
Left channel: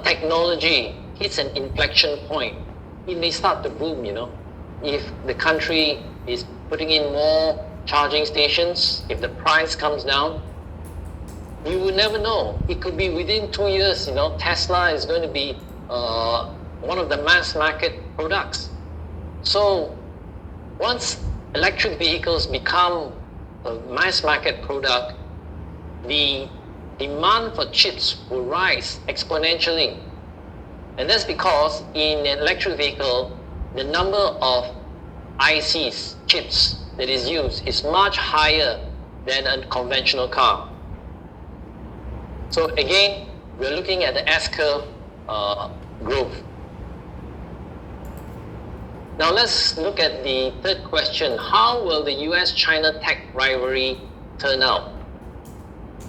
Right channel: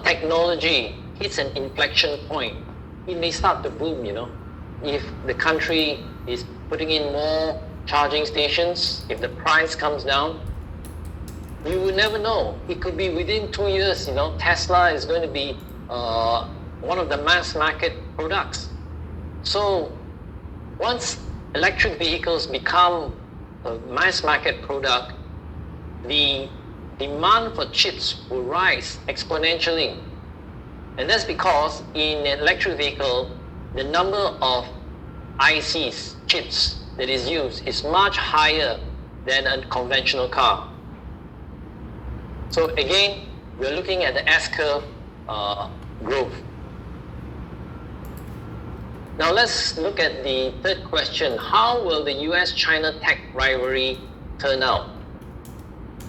technology hits an inflection point, it may start to boom, you know. If the country is putting in more charging stations, if the price comes down, you will never know. It could be within 2 years, you know, Tesla is going to be one of the mass market products. So once electric vehicles become a mass market product, the demand for chips will rise exponentially. And that's because in an electric vehicle, the number of ICs, chips, that is used is much higher than a conventional car. So again, we're looking at the S-curve growth. Now let's look at the third question. How will the US-China tech rivalry turn out?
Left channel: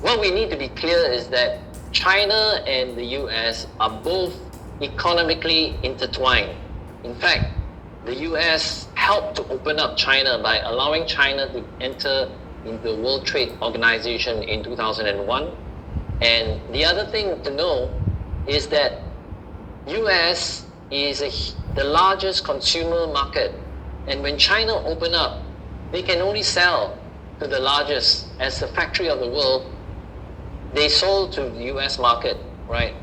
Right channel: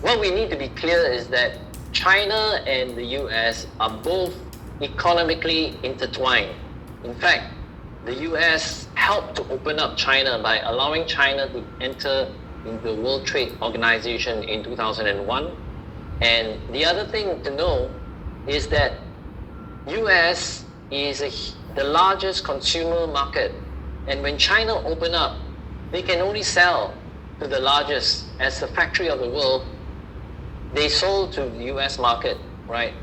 What we need to be clear is that China and the US are both economically intertwined. In fact, the US helped to open up China by allowing China to enter into the World Trade Organization in 2001. And the other thing to know is that US is the largest consumer market. And when China opened up, they can only sell to the largest. As the factory of the world, they sold to the US market, right?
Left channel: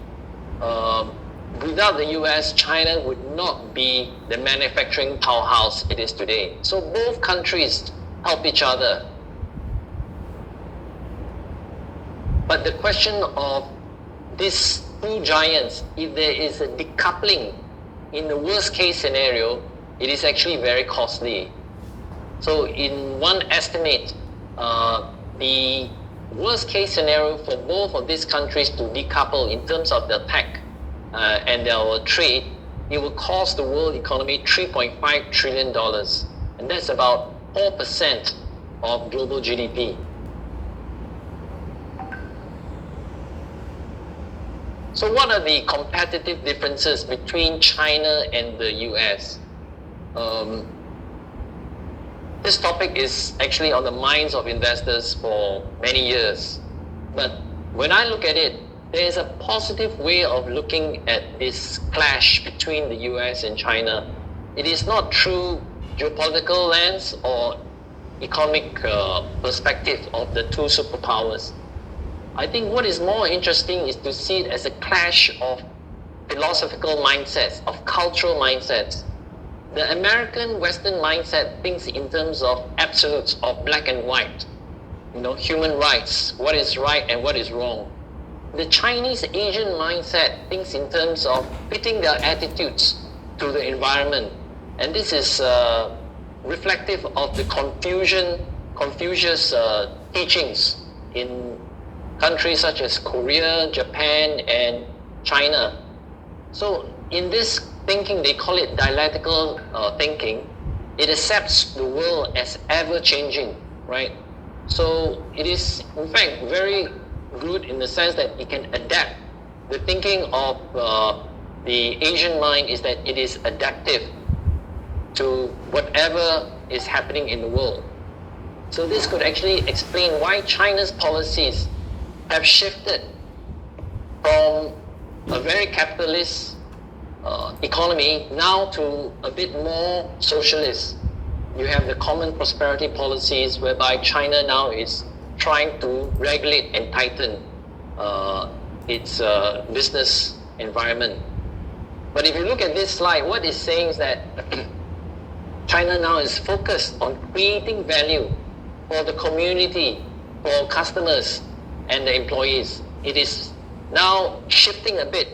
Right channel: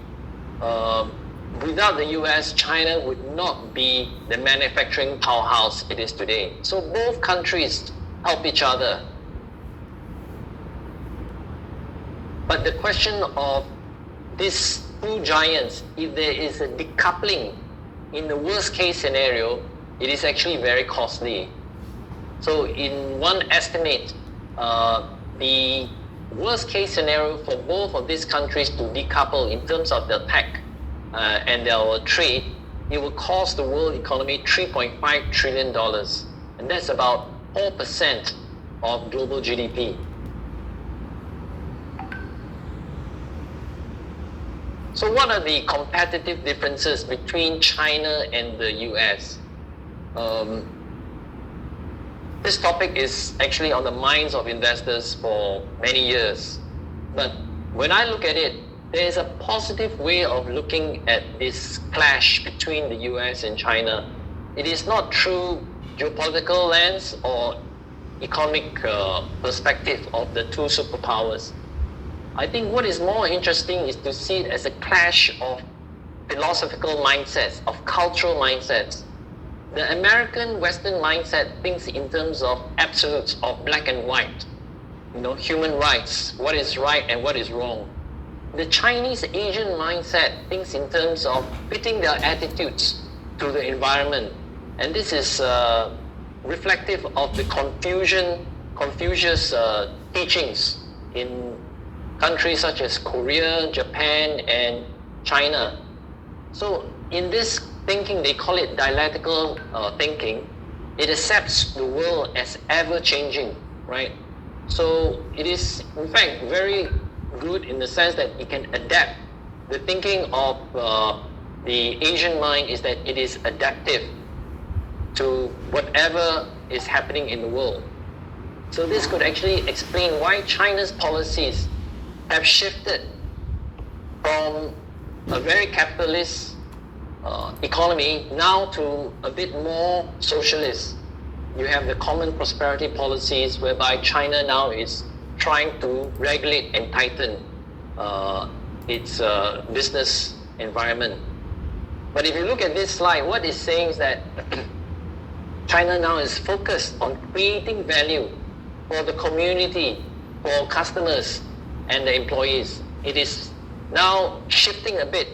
Without the US, China would not be the manufacturing powerhouse it is today. So both countries help each other. But the question of these two giants, if there is a decoupling in the worst case scenario, it is actually very costly. So in one estimate, the worst case scenario for both of these countries to decouple in terms of their tech and their trade, it will cost the world economy $3.5 trillion. And that's about 4% of global GDP. So what are the competitive differences between China and the US? This topic is actually on the minds of investors for many years. But when I look at it, there is a positive way of looking at this clash between the US and China. It is not through geopolitical lens or economic perspective of the two superpowers. I think what is more interesting is to see it as a clash of philosophical mindsets, of cultural mindsets. The American Western mindset thinks in terms of absolutes, of black and white, human rights, what is right and what is wrong. The Chinese Asian mindset thinks in terms of fitting their attitudes to the environment. And this is reflective of the Confucius teachings in countries such as Korea, Japan, and China. So in this thinking, they call it dialectical thinking. It accepts the world as ever-changing, right? So it is, in fact, very good in the sense that it can adapt. The thinking of the Asian mind is that it is adaptive to whatever is happening in the world. So this could actually explain why China's policies have shifted from a very capitalist economy now to a bit more socialist. You have the common prosperity policies whereby China now is trying to regulate and tighten its business environment. But if you look at this slide, what it's saying is that China now is focused on creating value for the community, for customers and the employees. It is now shifting a bit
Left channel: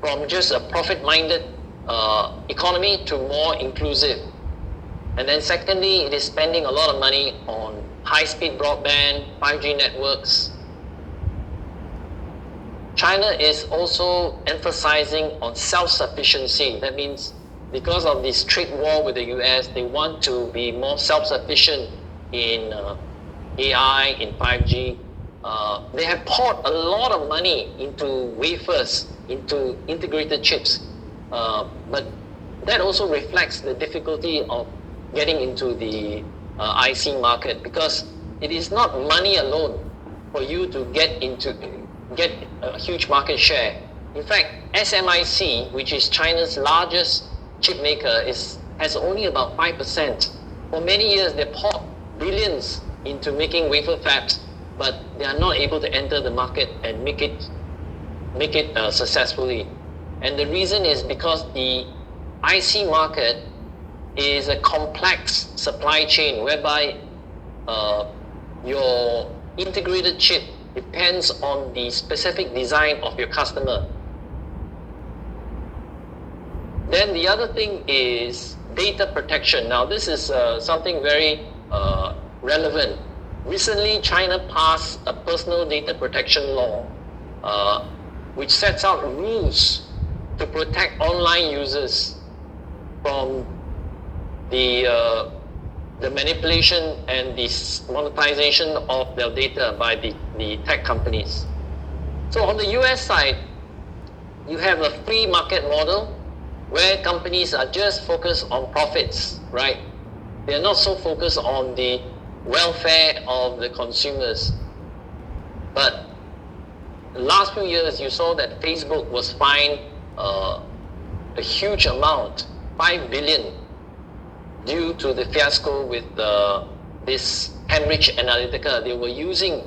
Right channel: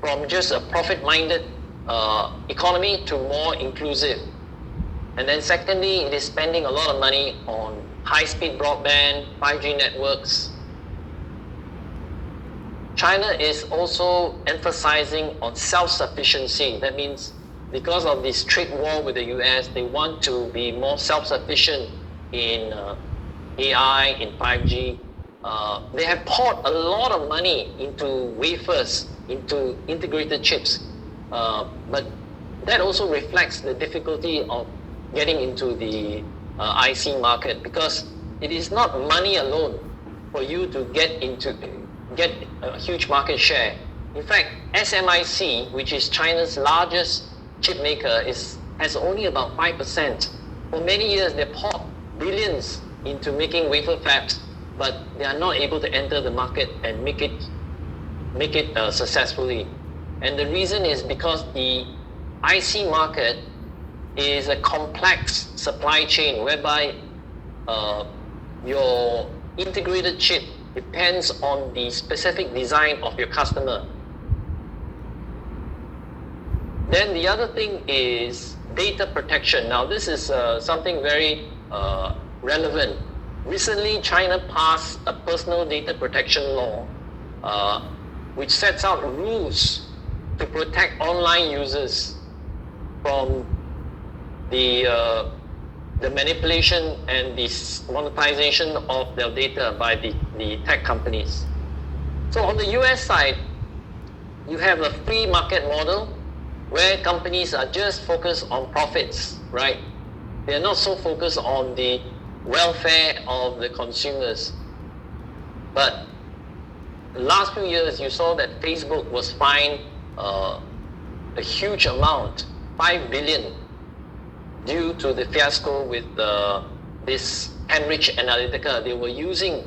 from just a profit-minded economy to more inclusive. And then secondly, it is spending a lot of money on high-speed broadband, 5G networks. China is also emphasizing on self-sufficiency. That means because of this trade war with the US, they want to be more self-sufficient in AI, in 5G. They have poured a lot of money into wafers, into integrated chips. But that also reflects the difficulty of getting into the IC market, because it is not money alone for you to get a huge market share. In fact, SMIC, which is China's largest chip maker, has only about 5%. For many years, they poured billions into making wafer fabs, but they are not able to enter the market and make it successfully. And the reason is because the IC market is a complex supply chain whereby your integrated chip depends on the specific design of your customer. Then the other thing is data protection. Now this is something very relevant. Recently, China passed a personal data protection law which sets out rules to protect online users from the manipulation and the monetization of their data by the tech companies. So on the US side, you have a free market model where companies are just focused on profits, right? They're not so focused on the welfare of the consumers. But the last few years, you saw that Facebook was fined a huge amount, 5 billion, due to the fiasco with this Cambridge Analytica. They were using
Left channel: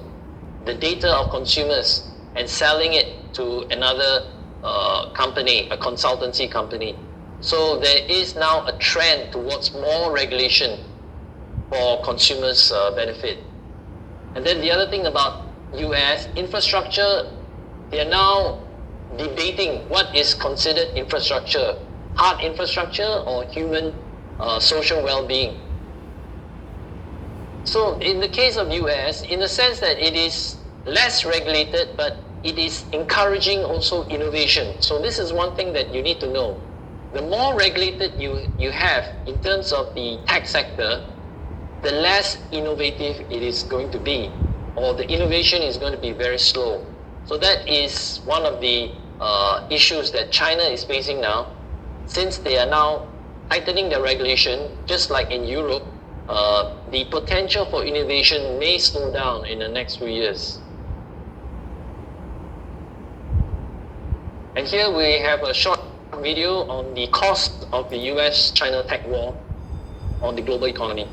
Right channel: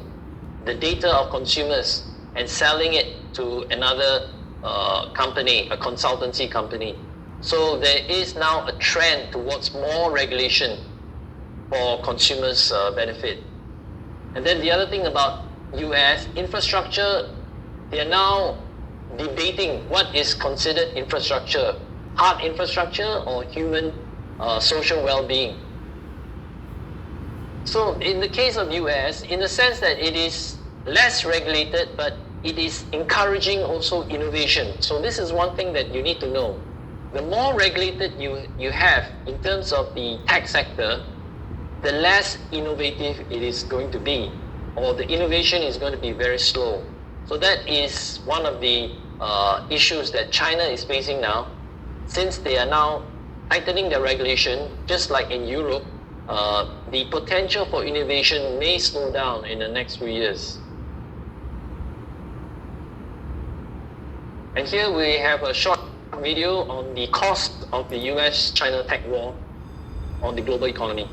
the data of consumers and selling it to another company, a consultancy company. So there is now a trend towards more regulation for consumers' benefit. And then the other thing about US infrastructure, they are now debating what is considered infrastructure, hard infrastructure or human social well-being. So in the case of US, in the sense that it is less regulated, but it is encouraging also innovation. So this is one thing that you need to know. The more regulated you have in terms of the tech sector, the less innovative it is going to be, or the innovation is going to be very slow. So that is one of the issues that China is facing now, since they are now tightening their regulation, just like in Europe. The potential for innovation may slow down in the next few years. And here we have a short video on the cost of the US-China tech war on the global economy.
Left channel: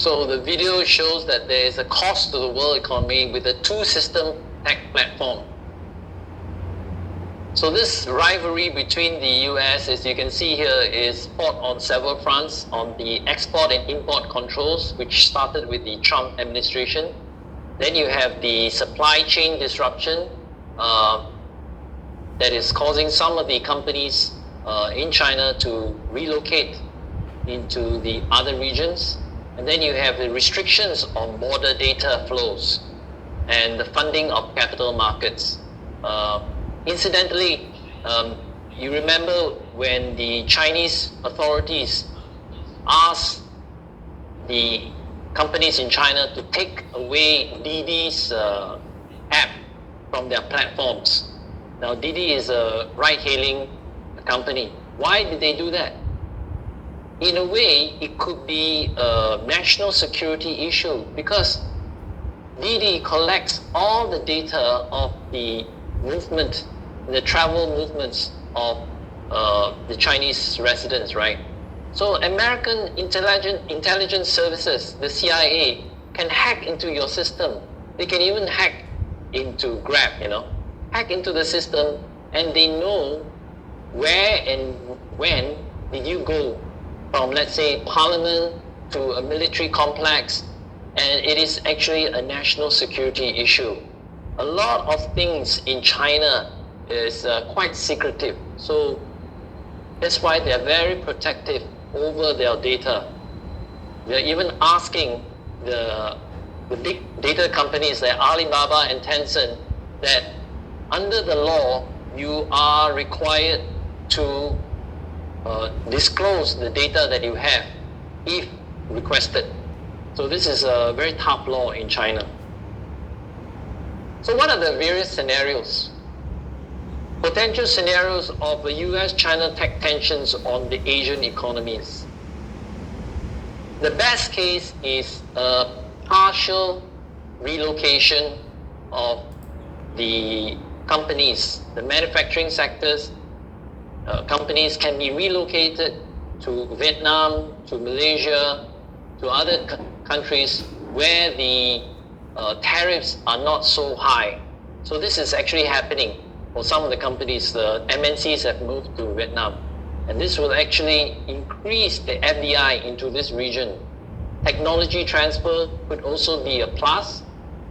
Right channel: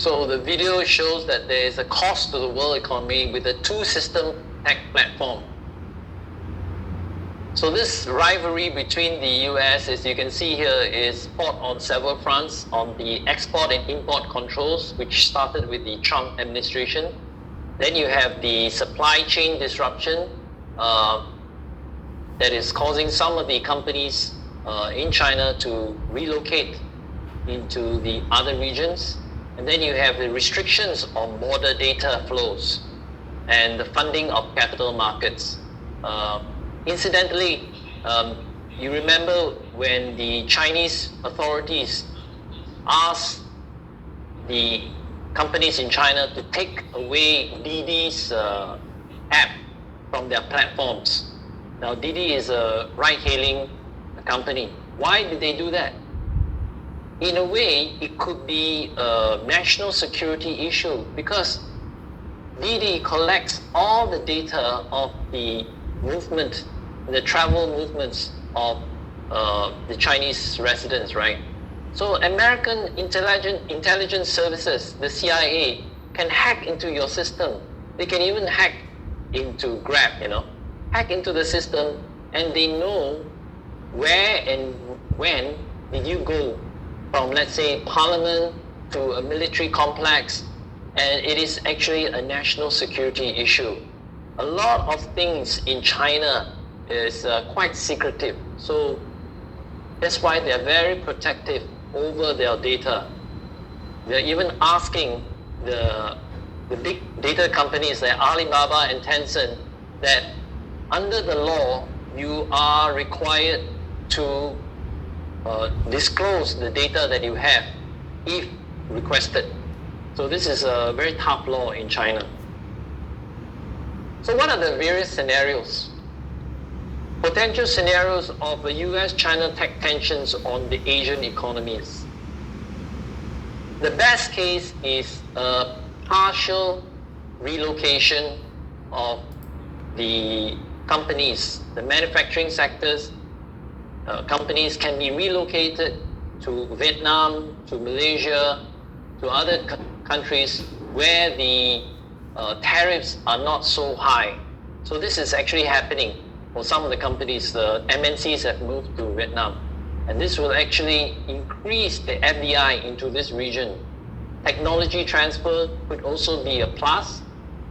So the video shows that there is a cost to the world economy with a two-system tech platform. So this rivalry between the US, as you can see here, is fought on several fronts, on the export and import controls, which started with the Trump administration. Then you have the supply chain disruption that is causing some of the companies in China to relocate into the other regions. And then you have the restrictions on border data flows and the funding of capital markets. Incidentally, you remember when the Chinese authorities asked the companies in China to take away Didi's app from their platforms. Now, Didi is a ride-hailing company. Why did they do that? In a way, it could be a national security issue because Didi collects all the data of the movement, the travel movements of the Chinese residents, right? So American intelligence services, the CIA, can hack into your system. They can even hack into Grab, hack into the system, and they know where and when did you go from, let's say, Parliament to a military complex, and it is actually a national security issue. A lot of things in China is quite secretive, so that's why they're very protective over their data. They're even asking the big data companies like Alibaba and Tencent that under the law, you are required to disclose the data that you have if requested. So this is a very tough law in China. So what are the various scenarios? Potential scenarios of the US-China tech tensions on the Asian economies. The best case is a partial relocation of the companies, the manufacturing sectors. Companies can be relocated to Vietnam, to Malaysia, to other countries where the tariffs are not so high. So this is actually happening for some of the companies. The MNCs have moved to Vietnam, and this will actually increase the FDI into this region. Technology transfer could also be a plus,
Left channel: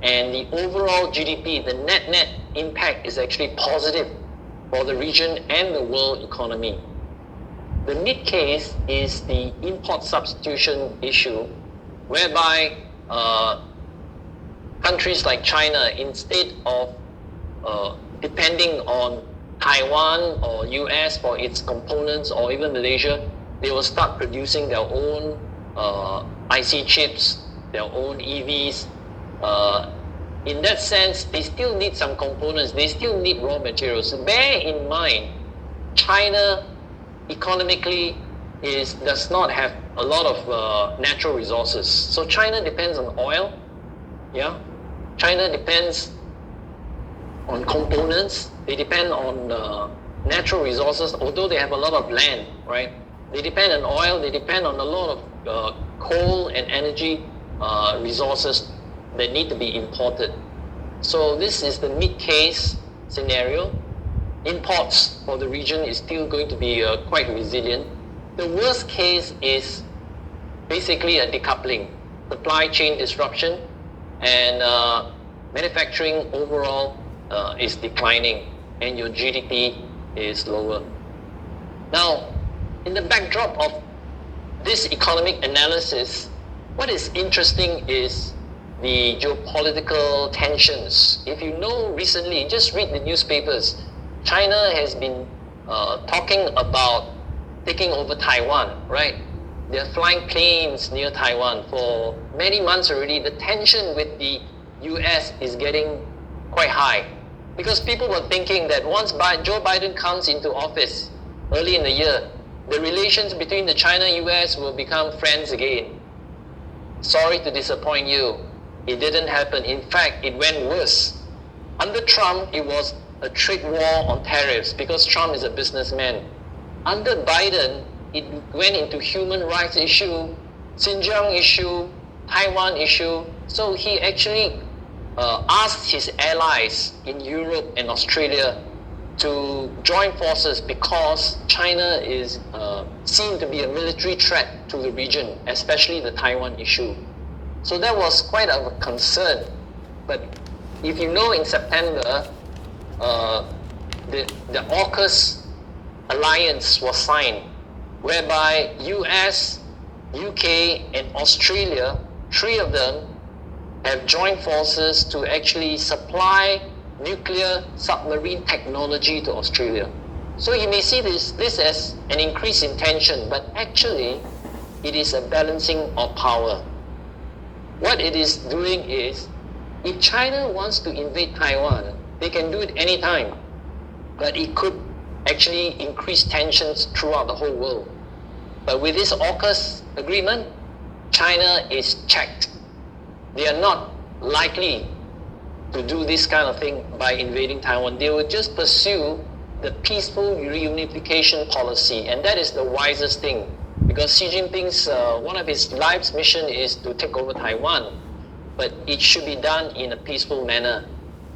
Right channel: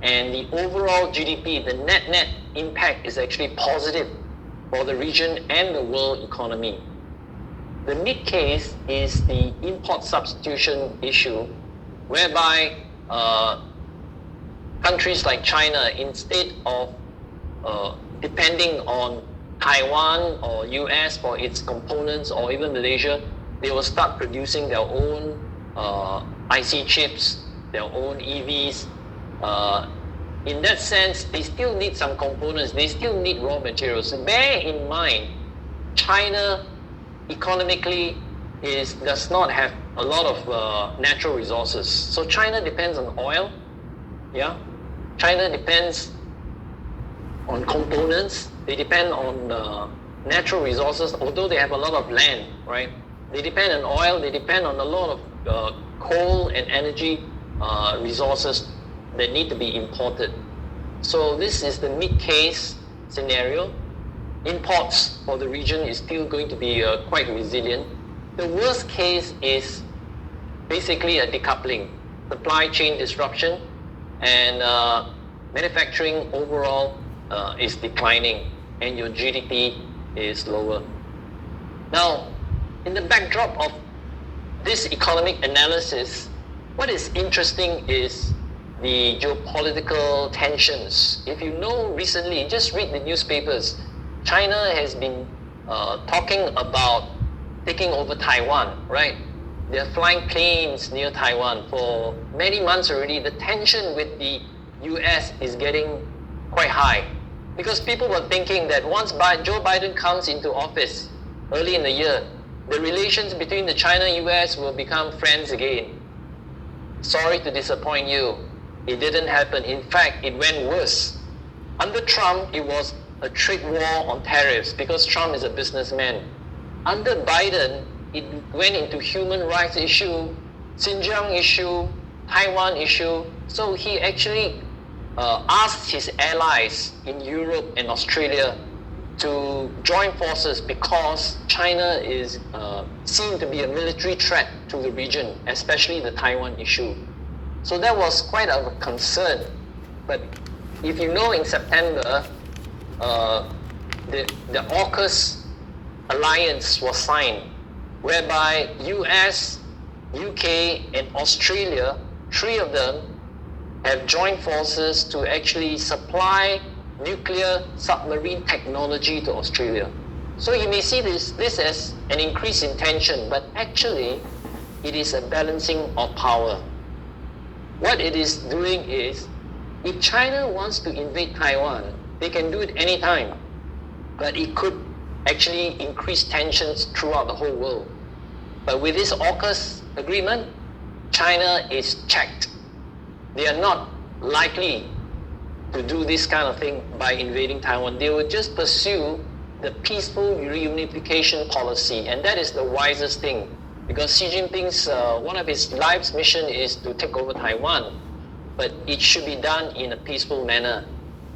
and the overall GDP, the net impact is actually positive for the region and the world economy. The mid case is the import substitution issue, whereby countries like China, instead of depending on Taiwan or US for its components, or even Malaysia, they will start producing their own IC chips, their own EVs. In that sense, they still need some components, they still need raw materials. Bear in mind, China economically does not have a lot of natural resources. So China depends on oil, China depends on components, they depend on natural resources, although they have a lot of land, right? They depend on oil, they depend on a lot of coal and energy resources that need to be imported. So this is the mid-case scenario. Imports for the region is still going to be quite resilient. The worst case is basically a decoupling, supply chain disruption, and manufacturing overall is declining, and your GDP is lower. Now, in the backdrop of this economic analysis, what is interesting is the geopolitical tensions. If you know recently, just read the newspapers, China has been talking about taking over Taiwan, right? They're flying planes near Taiwan for many months already. The tension with the US is getting quite high because people were thinking that once Joe Biden comes into office early in the year, the relations between the China-US will become friends again. Sorry to disappoint you. It didn't happen. In fact, it went worse. Under Trump, it was a trade war on tariffs because Trump is a businessman. Under Biden, it went into human rights issue, Xinjiang issue, Taiwan issue, so he actually asked his allies in Europe and Australia to join forces because China is seen to be a military threat to the region, especially the Taiwan issue. So that was quite a concern. But if you know, in September, the AUKUS alliance was signed, whereby US, UK, and Australia, three of them, have joined forces to actually supply nuclear submarine technology to Australia. So you may see this as an increase in tension, but actually it is a balancing of power. What it is doing is, if China wants to invade Taiwan, they can do it anytime, but it could actually increase tensions throughout the whole world. But with this AUKUS agreement, China is checked. They are not likely to do this kind of thing by invading Taiwan. They will just pursue the peaceful reunification policy, and that is the wisest thing, because Xi Jinping's one of his life's mission is to take over Taiwan, but it should be done in a peaceful manner.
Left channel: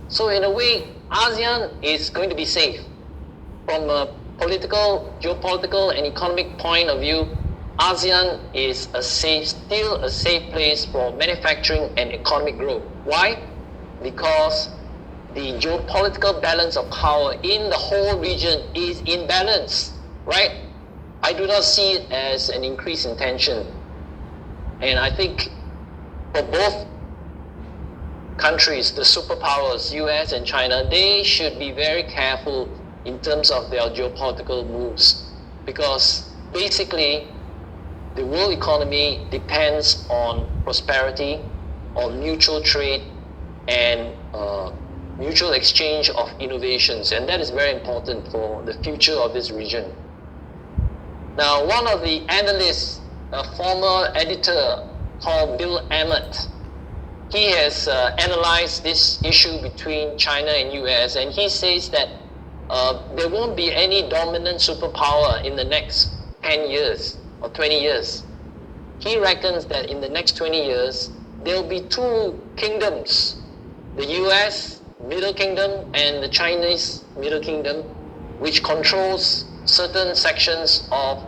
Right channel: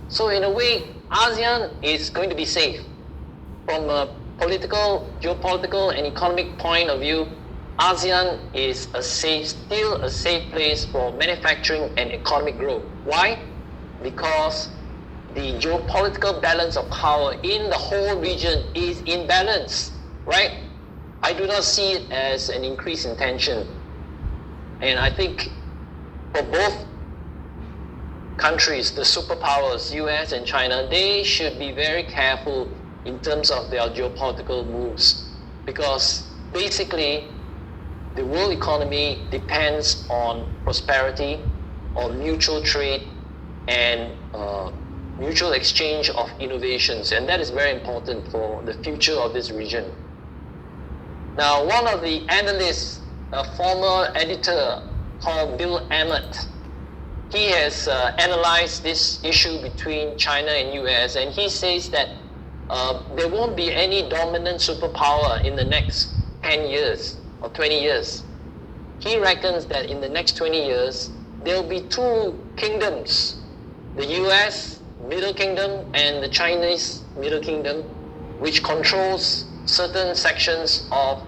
So in a way, ASEAN is going to be safe. From a political, geopolitical, and economic point of view, ASEAN is still a safe place for manufacturing and economic growth. Why? Because the geopolitical balance of power in the whole region is in balance, right? I do not see it as an increase in tension. And I think for both countries, the superpowers, US and China, they should be very careful in terms of their geopolitical moves, because basically the world economy depends on prosperity, on mutual trade, and mutual exchange of innovations, and that is very important for the future of this region. Now, one of the analysts, a former editor called Bill Emmett, he has analyzed this issue between China and US, and he says that there won't be any dominant superpower in the next 10 years or 20 years. He reckons that in the next 20 years, there will be two kingdoms, the US Middle Kingdom and the Chinese Middle Kingdom, which controls certain sections of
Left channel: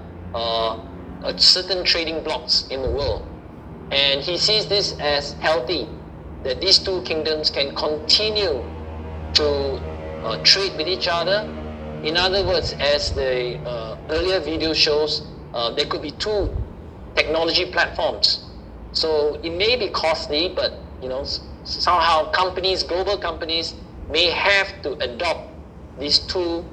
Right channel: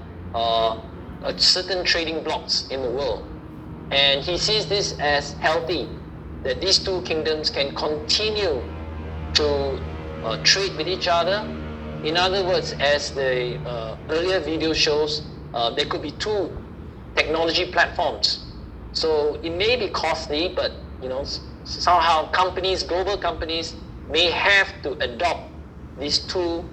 certain trading blocks in the world. And he sees this as healthy, that these two kingdoms can continue to trade with each other. In other words, as the earlier video shows, there could be two technology platforms. So it may be costly, but somehow global companies may have to adopt these two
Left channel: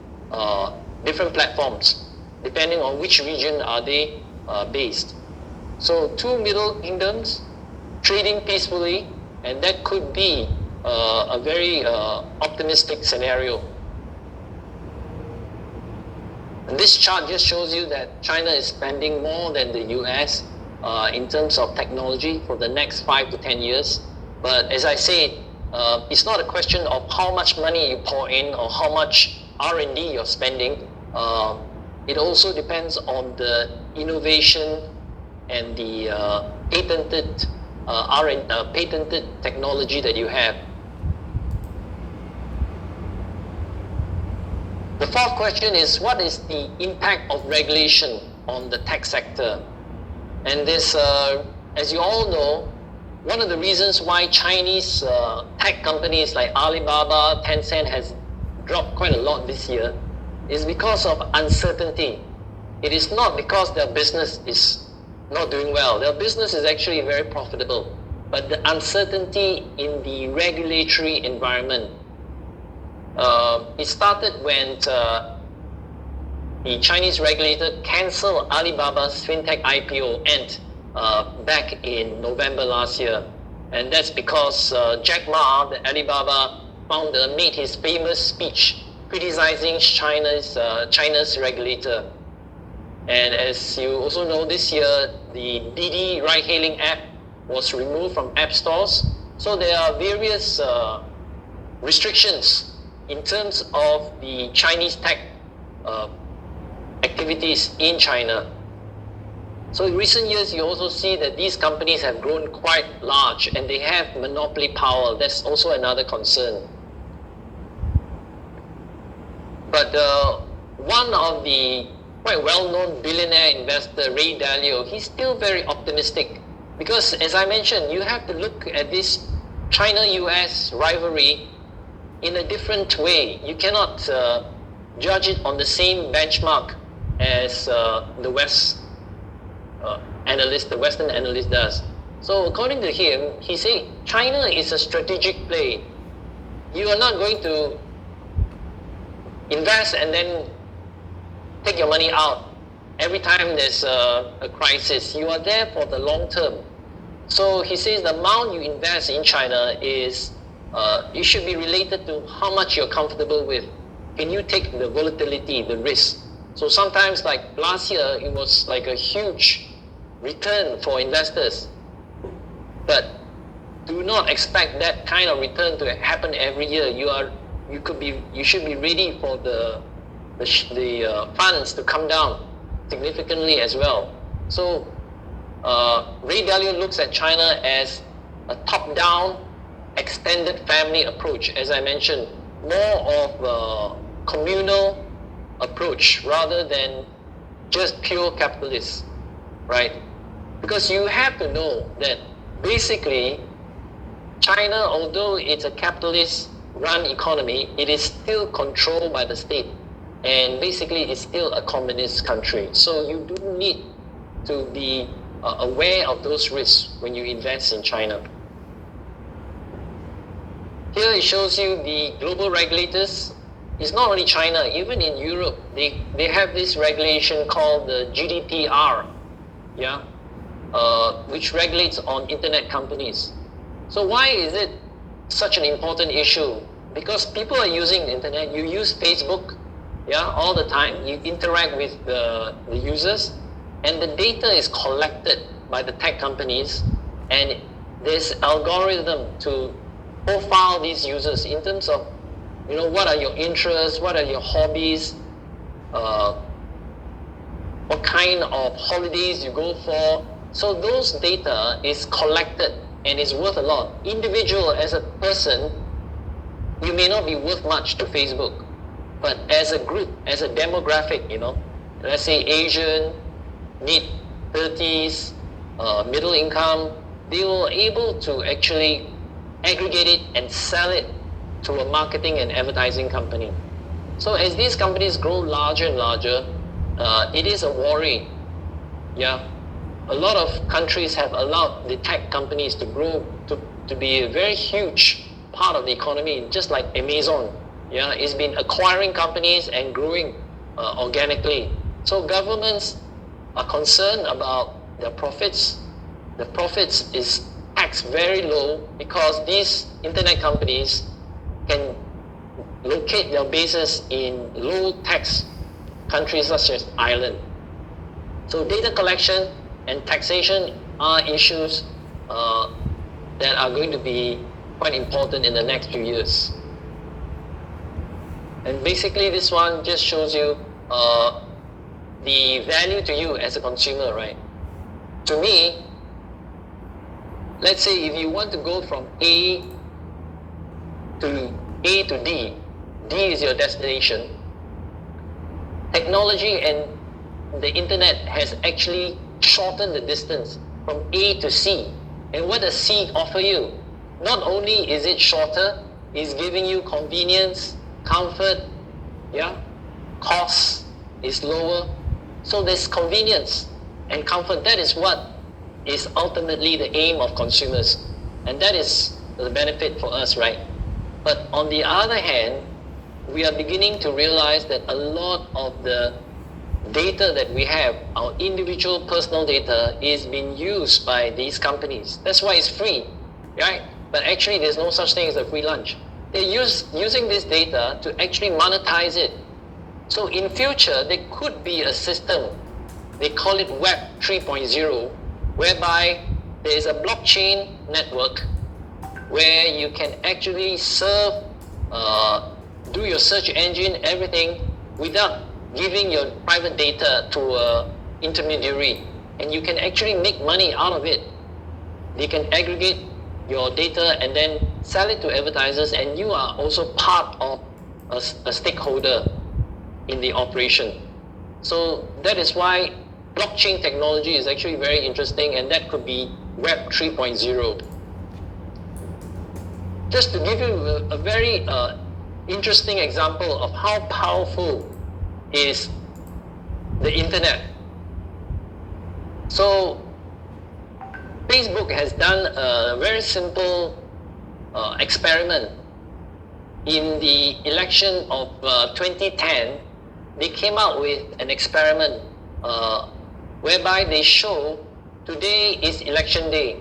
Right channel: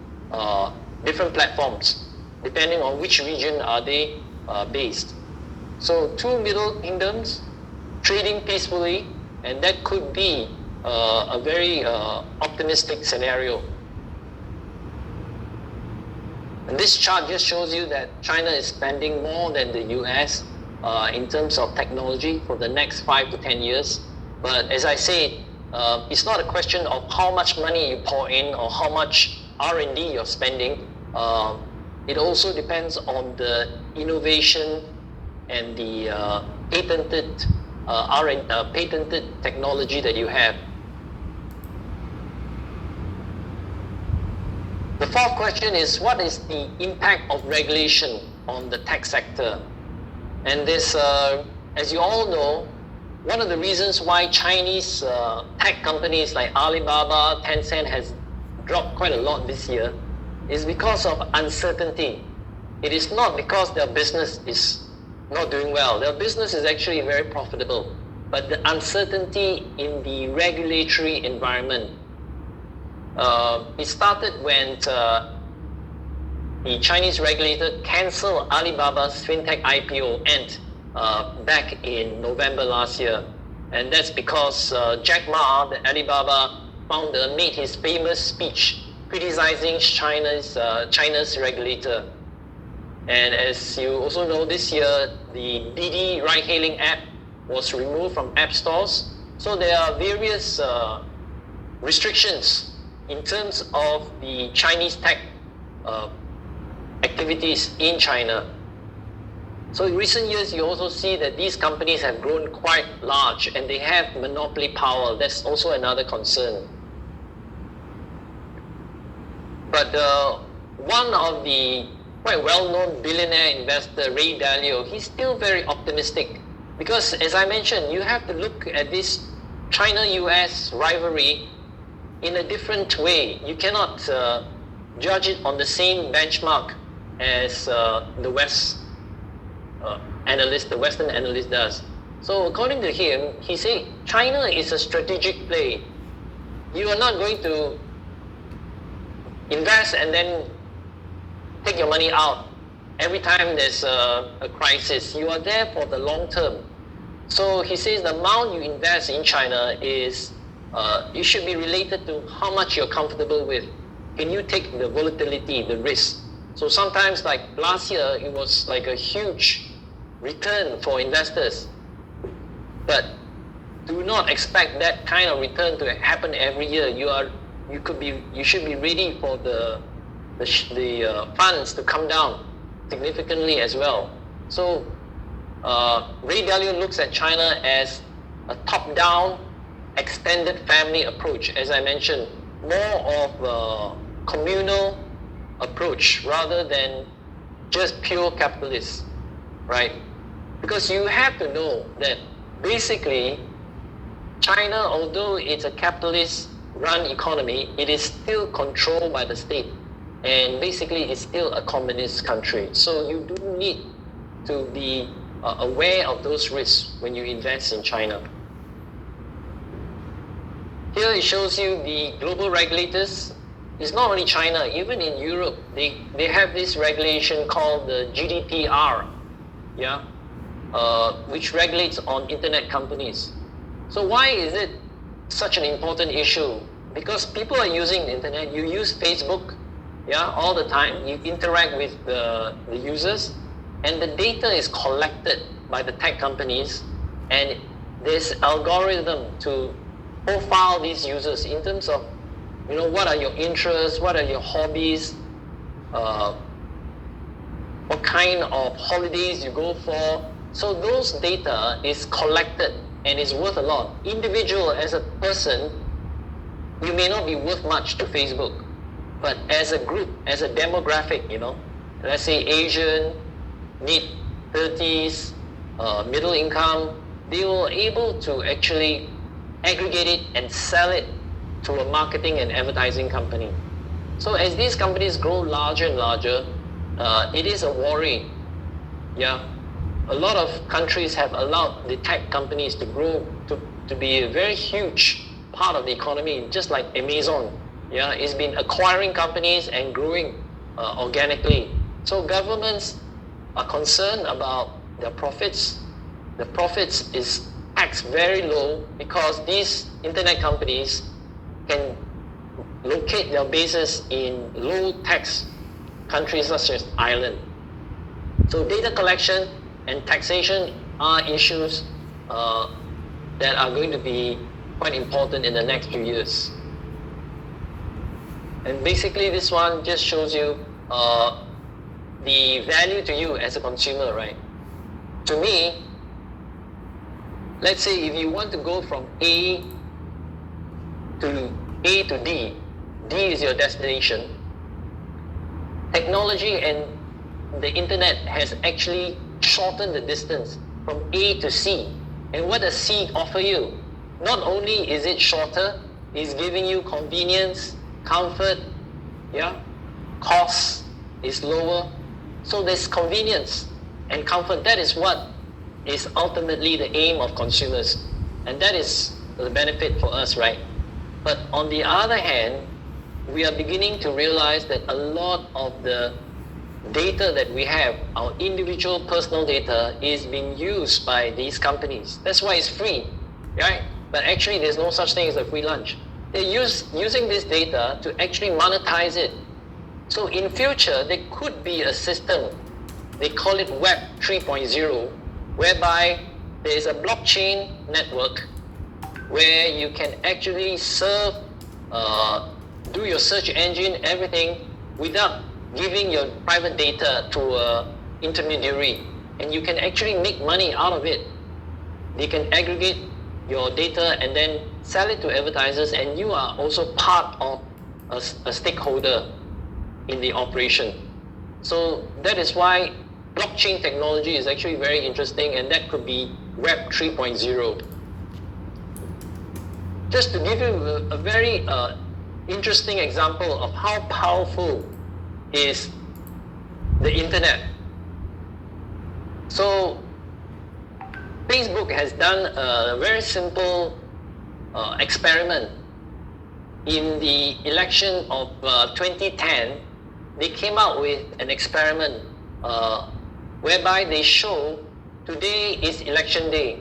different platforms, depending on which region are they based. So two middle kingdoms trading peacefully, and that could be a very optimistic scenario. And this chart just shows you that China is spending more than the US in terms of technology for the next 5 to 10 years. But as I said, it's not a question of how much money you pour in or how much R&D you're spending. It also depends on the innovation and the patented technology that you have. The fourth question is, what is the impact of regulation on the tech sector? And this, as you all know, one of the reasons why Chinese tech companies like Alibaba, Tencent has dropped quite a lot this year is because of uncertainty. It is not because their business is not doing well. Their business is actually very profitable. But the uncertainty in the regulatory environment, it started when the Chinese regulator canceled Alibaba's fintech IPO Ant back in November last year. And that's because Jack Ma, the Alibaba founder, made his famous speech criticizing China's regulator. And as you also know, this year, the Didi ride-hailing app was removed from app stores. So there are various restrictions in terms of the Chinese tech activities in China. So in recent years, you also see that these companies have grown quite large and they have monopoly power. That's also another concern. But one of the quite well-known billionaire investor, Ray Dalio, he's still very optimistic because, as I mentioned, you have to look at this China-US rivalry in a different way. You cannot judge it on the same benchmark as the Western analyst does. So according to him, he said China is a strategic play. You are not going to invest and then take your money out every time there's a crisis. You are there for the long term. So he says the amount you invest in China is it should be related to how much you're comfortable with. Can you take the volatility, the risk? So sometimes, like last year, it was like a huge return for investors. But do not expect that kind of return to happen every year. You should be ready for the funds to come down significantly as well. So Ray Dalio looks at China as a top-down, extended family approach. As I mentioned, more of a communal approach rather than just pure capitalist, right? Because you have to know that basically China, although it's a capitalist-run economy, it is still controlled by the state. And basically it's still a communist country. So you do need to be aware of those risks when you invest in China. Here it shows you the global regulators. It's not only China, even in Europe, they have this regulation called the GDPR, which regulates on internet companies. So why is it such an important issue? Because people are using the internet. You use Facebook, all the time. You interact with the users, and the data is collected by the tech companies, and there's algorithm to profile these users in terms of, what are your interests, what are your hobbies, what kind of holidays you go for. So those data is collected and is worth a lot. Individual as a person, you may not be worth much to Facebook, but as a group, as a demographic, let's say Asian, mid-30s, middle income, they were able to actually aggregate it and sell it to a marketing and advertising company. So as these companies grow larger and larger, it is a worry. A lot of countries have allowed the tech companies to grow to be a very huge part of the economy, just like Amazon. It's been acquiring companies and growing organically. So governments are concerned about their profits. The profits is taxed very low because these internet companies can locate their bases in low tax countries such as Ireland. So data collection and taxation are issues that are going to be quite important in the next few years. And basically this one just shows you the value to you as a consumer, right? To me, let's say if you want to go from A to D, D is your destination. Technology and the internet has actually shortened the distance from A to C. And what does C offer you? Not only is it shorter, it's giving you convenience, comfort, cost is lower. So there's convenience and comfort. That is what is ultimately the aim of consumers. And that is the benefit for us, right? But on the other hand, we are beginning to realize that a lot of the data that we have, our individual personal data, is being used by these companies. That's why it's free, right? But actually there's no such thing as a free lunch. They're using this data to actually monetize it. So in future, there could be a system, they call it Web 3.0, whereby there is a blockchain network where you can actually serve, do your search engine, everything, without giving your private data to an intermediary. and you can actually make money out of it. They can aggregate your data and then sell it to advertisers, and you are also part of a stakeholder in the operation. So that is why blockchain technology is actually very interesting, and that could be Web 3.0. Just to give you a very interesting example of how powerful is the internet. So Facebook has done a very simple experiment. In the election of 2010, they came out with an experiment whereby they show today is election day.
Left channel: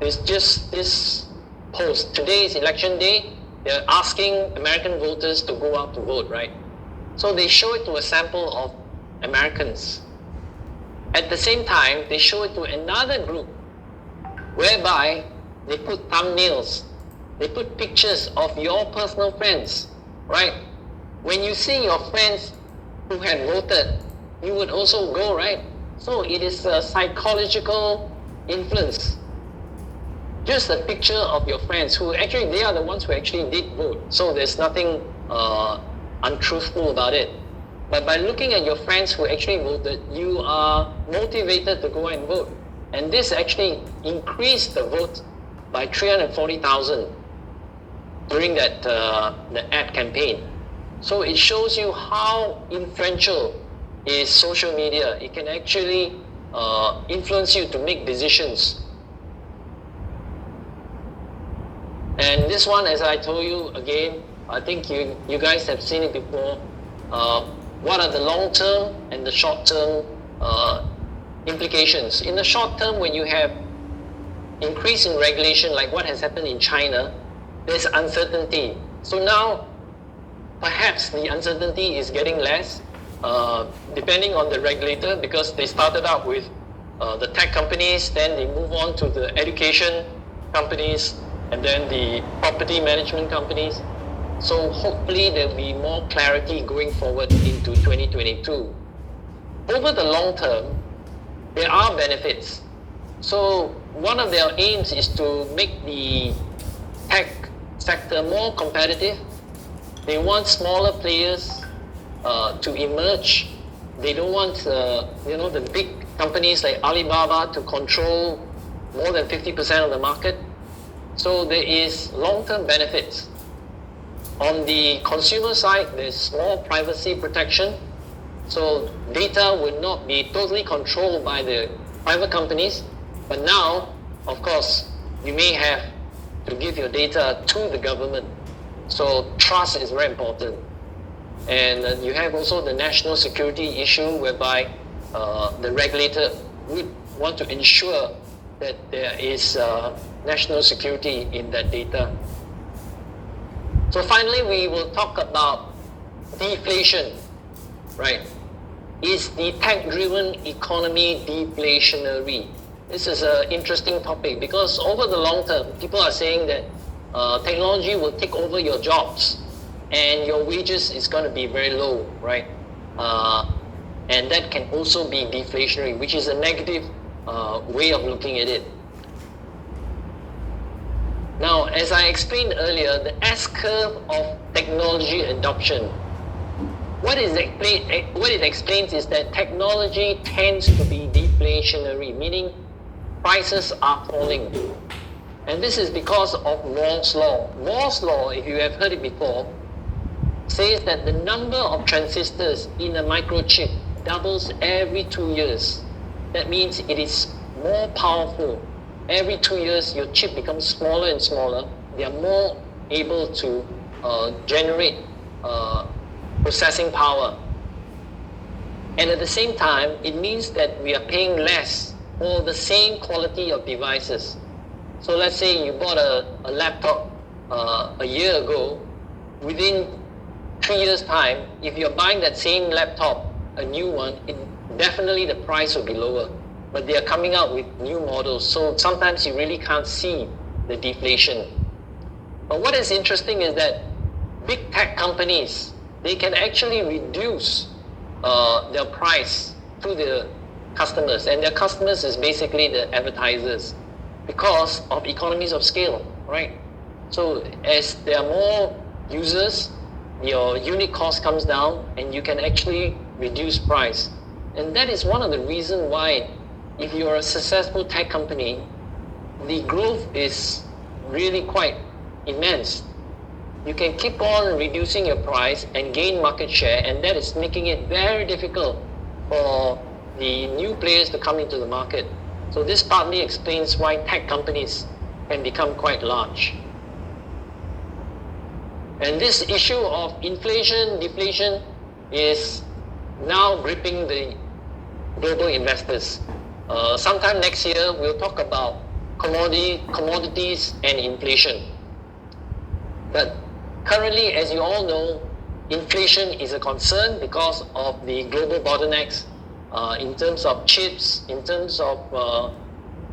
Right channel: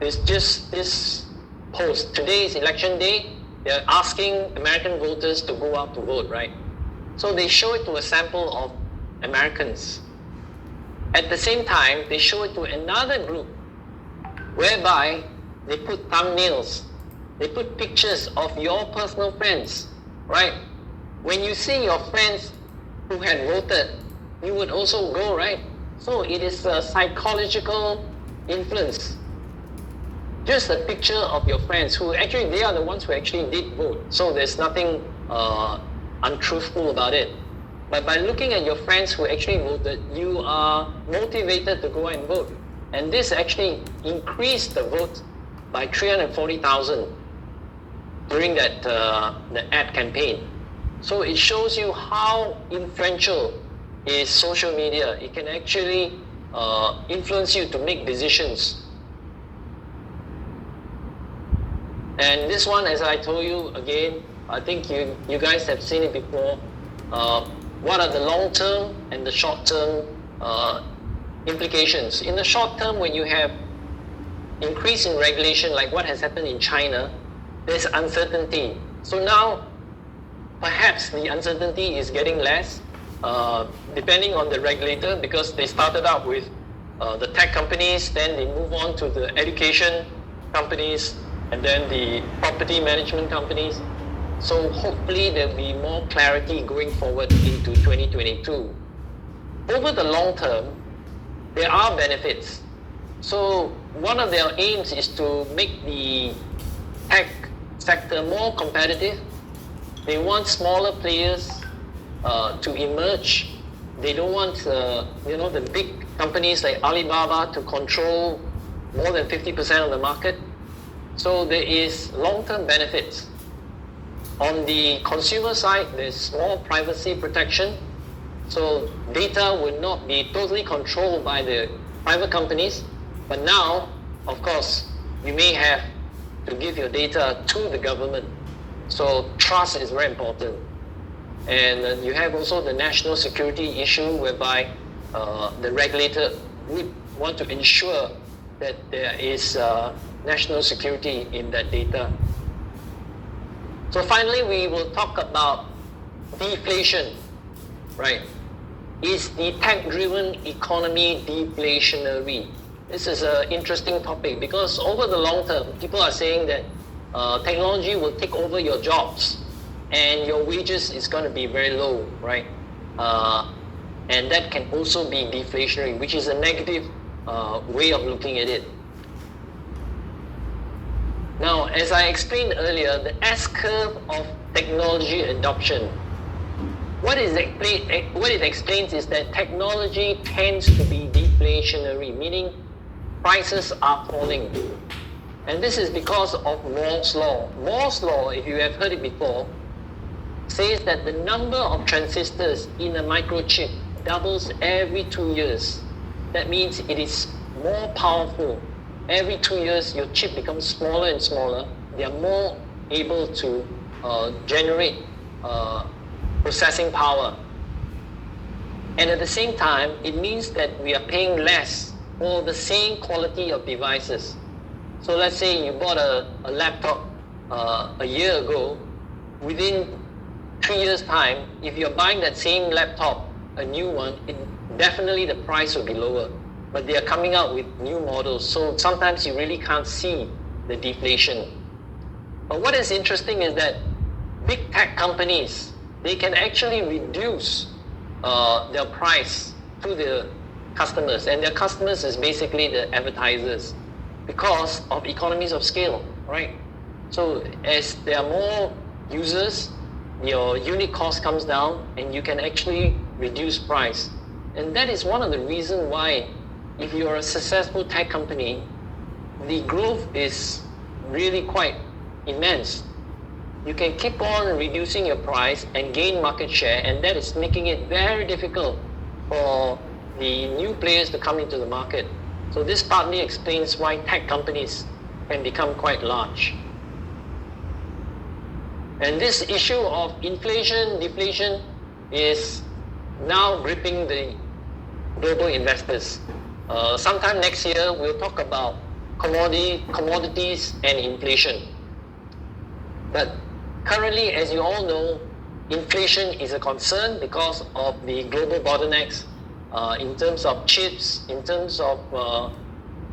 It's just this post, today is election day. They're asking American voters to go out to vote, right? So they show it to a sample of Americans. At the same time, they show it to another group whereby they put thumbnails, they put pictures of your personal friends, right? When you see your friends who had voted, you would also go, right? So it is a psychological influence. Just a picture of your friends who actually, they are the ones who actually did vote. So there's nothing untruthful about it. But by looking at your friends who actually voted, you are motivated to go and vote. And this actually increased the vote by 340,000 during that the ad campaign. So it shows you how influential is social media. It can actually influence you to make decisions. And this one, as I told you again, I think you guys have seen it before. What are the long-term and the short-term implications? In the short term, when you have increase in regulation like what has happened in China, there's uncertainty. So now, perhaps the uncertainty is getting less, depending on the regulator, because they started out with the tech companies, then they move on to the education companies, and then the property management companies. So hopefully there will be more clarity going forward into 2022. Over the long term, there are benefits. So one of their aims is to make the tech sector more competitive. They want smaller players to emerge. They don't want the big companies like Alibaba to control more than 50% of the market. So there is long-term benefits. On the consumer side, there's more privacy protection. So data will not be totally controlled by the private companies. But now, of course, you may have to give your data to the government. So trust is very important. And you have also the national security issue whereby the regulator would want to ensure that there is national security in that data. So finally, we will talk about deflation, right? Is the tech-driven economy deflationary? This is an interesting topic because over the long term, people are saying that technology will take over your jobs and your wages is going to be very low, right? And that can also be deflationary, which is a negative way of looking at it. Now, as I explained earlier, the S-curve of technology adoption, what it explains is that technology tends to be deflationary, meaning prices are falling. And this is because of Moore's law. Moore's law, if you have heard it before, says that the number of transistors in a microchip doubles every 2 years. That means it is more powerful. Every 2 years, your chip becomes smaller and smaller. They are more able to generate processing power. And at the same time, it means that we are paying less for the same quality of devices. So let's say you bought a laptop a year ago. Within 3 years' time, if you're buying that same laptop, a new one, definitely the price will be lower. But they are coming out with new models, so sometimes you really can't see the deflation. But what is interesting is that big tech companies, they can actually reduce their price through the customers, and their customers is basically the advertisers because of economies of scale, right? So as there are more users, your unit cost comes down and you can actually reduce price. And that is one of the reasons why if you're a successful tech company, the growth is really quite immense. You can keep on reducing your price and gain market share, and that is making it very difficult for the new players to come into the market. So this partly explains why tech companies can become quite large. And this issue of inflation, deflation is now gripping the global investors. Sometime next year, we'll talk about commodities and inflation. But currently, as you all know, inflation is a concern because of the global bottlenecks in terms of chips, in terms of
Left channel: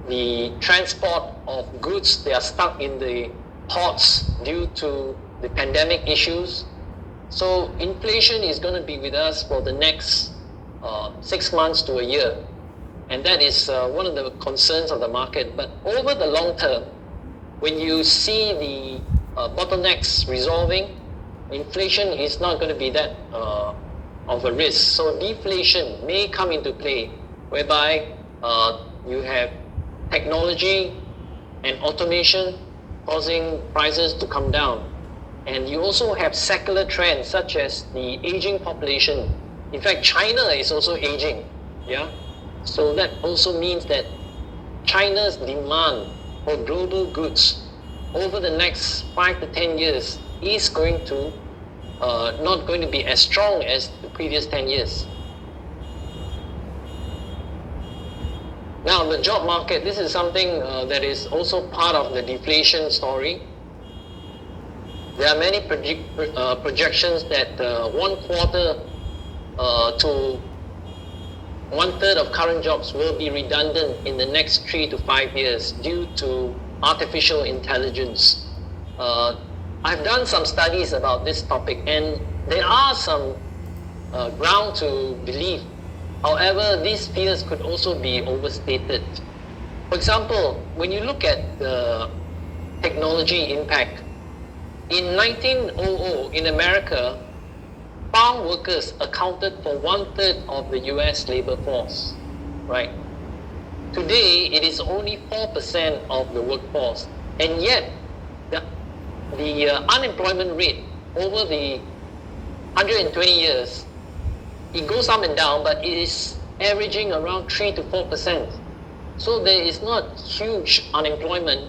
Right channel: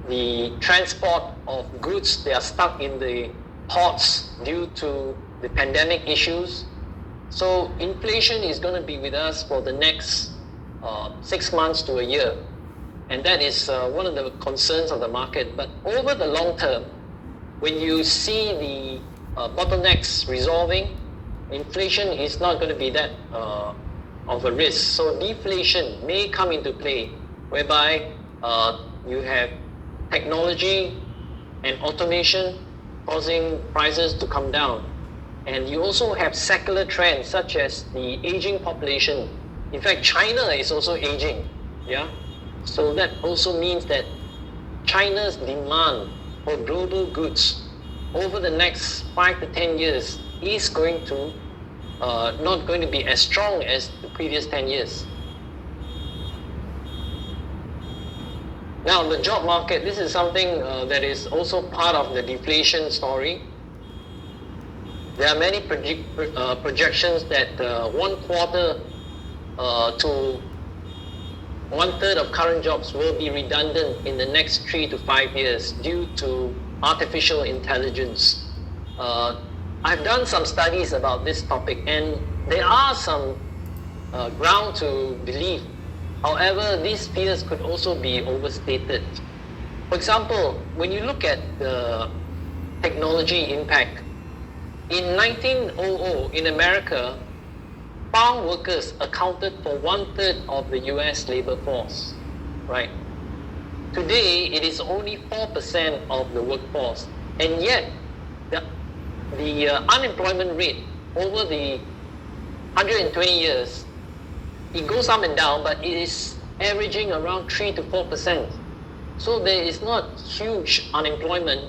the transport of goods. They are stuck in the ports due to the pandemic issues. So inflation is going to be with us for the next 6 months to a year. And that is one of the concerns of the market. But over the long term, when you see the bottlenecks resolving, inflation is not going to be that of a risk. So deflation may come into play, whereby you have technology and automation causing prices to come down. And you also have secular trends such as the aging population. In fact, China is also aging. Yeah. So that also means that China's demand for global goods over the next 5 to 10 years is going to not going to be as strong as the previous 10 years. Now, the job market, this is something that is also part of the deflation story. There are many projections that 1/4 to 1/3 of current jobs will be redundant in the next 3 to 5 years due to artificial intelligence. I've done some studies about this topic, and there are some ground to believe. However, these fears could also be overstated. For example, when you look at the technology impact, in 1900 in America, farm workers accounted for 1/3 of the US labor force, right? Today, it is only 4% of the workforce, and yet the unemployment rate over the 120 years, it goes up and down, but it is averaging around 3 to 4%. So there is not huge unemployment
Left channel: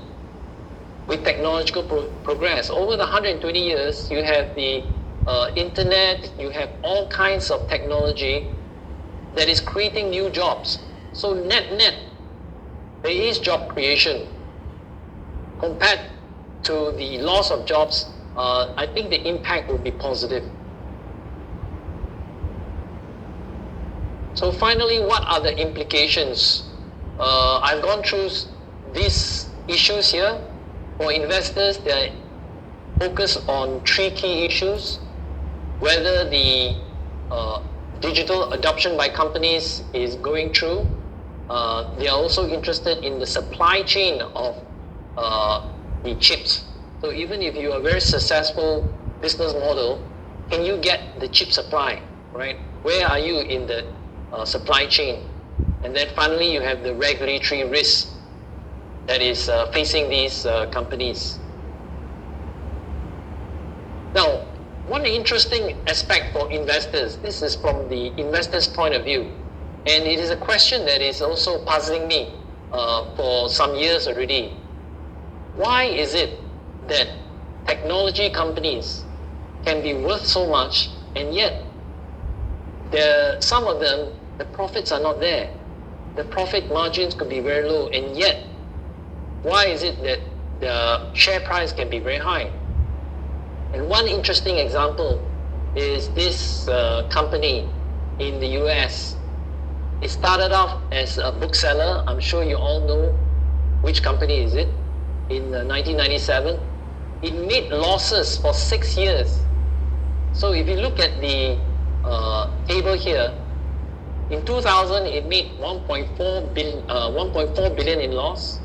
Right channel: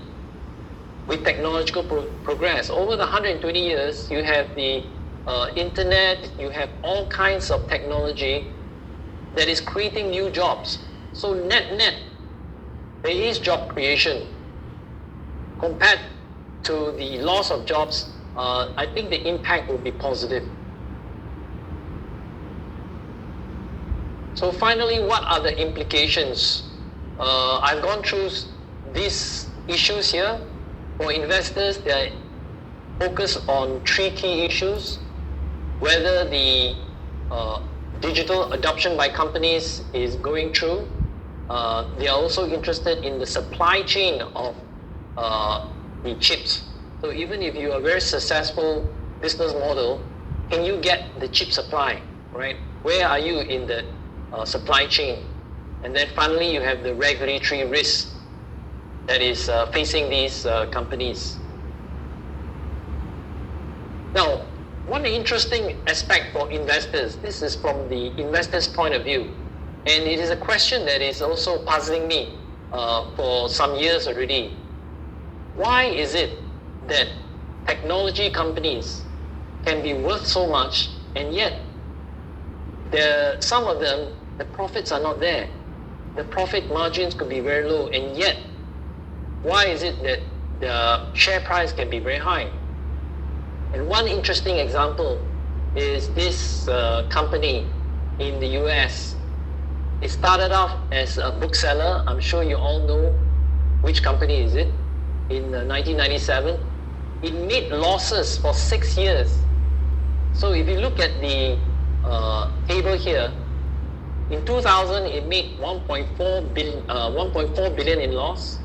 with technological progress. Over the 120 years, you have the internet, you have all kinds of technology that is creating new jobs. So net, there is job creation. Compared to the loss of jobs, I think the impact will be positive. So finally, what are the implications? I've gone through these issues here. For investors, they focus on 3 key issues: whether the digital adoption by companies is going through. They are also interested in the supply chain of the chips. So even if you are a very successful business model, can you get the chip supply, right? Where are you in the supply chain? And then finally, you have the regulatory risk that is facing these companies. Now, one interesting aspect for investors, this is from the investor's point of view, and it is a question that is also puzzling me for some years already. Why is it that technology companies can be worth so much, and yet some of them, the profits are not there? The profit margins could be very low, and yet why is it that the share price can be very high? And one interesting example is this company in the US. It started off as a bookseller. I'm sure you all know which company is it. In 1997, it made losses for 6 years. So if you look at the table here, In 2000, it made 1.4 billion in loss.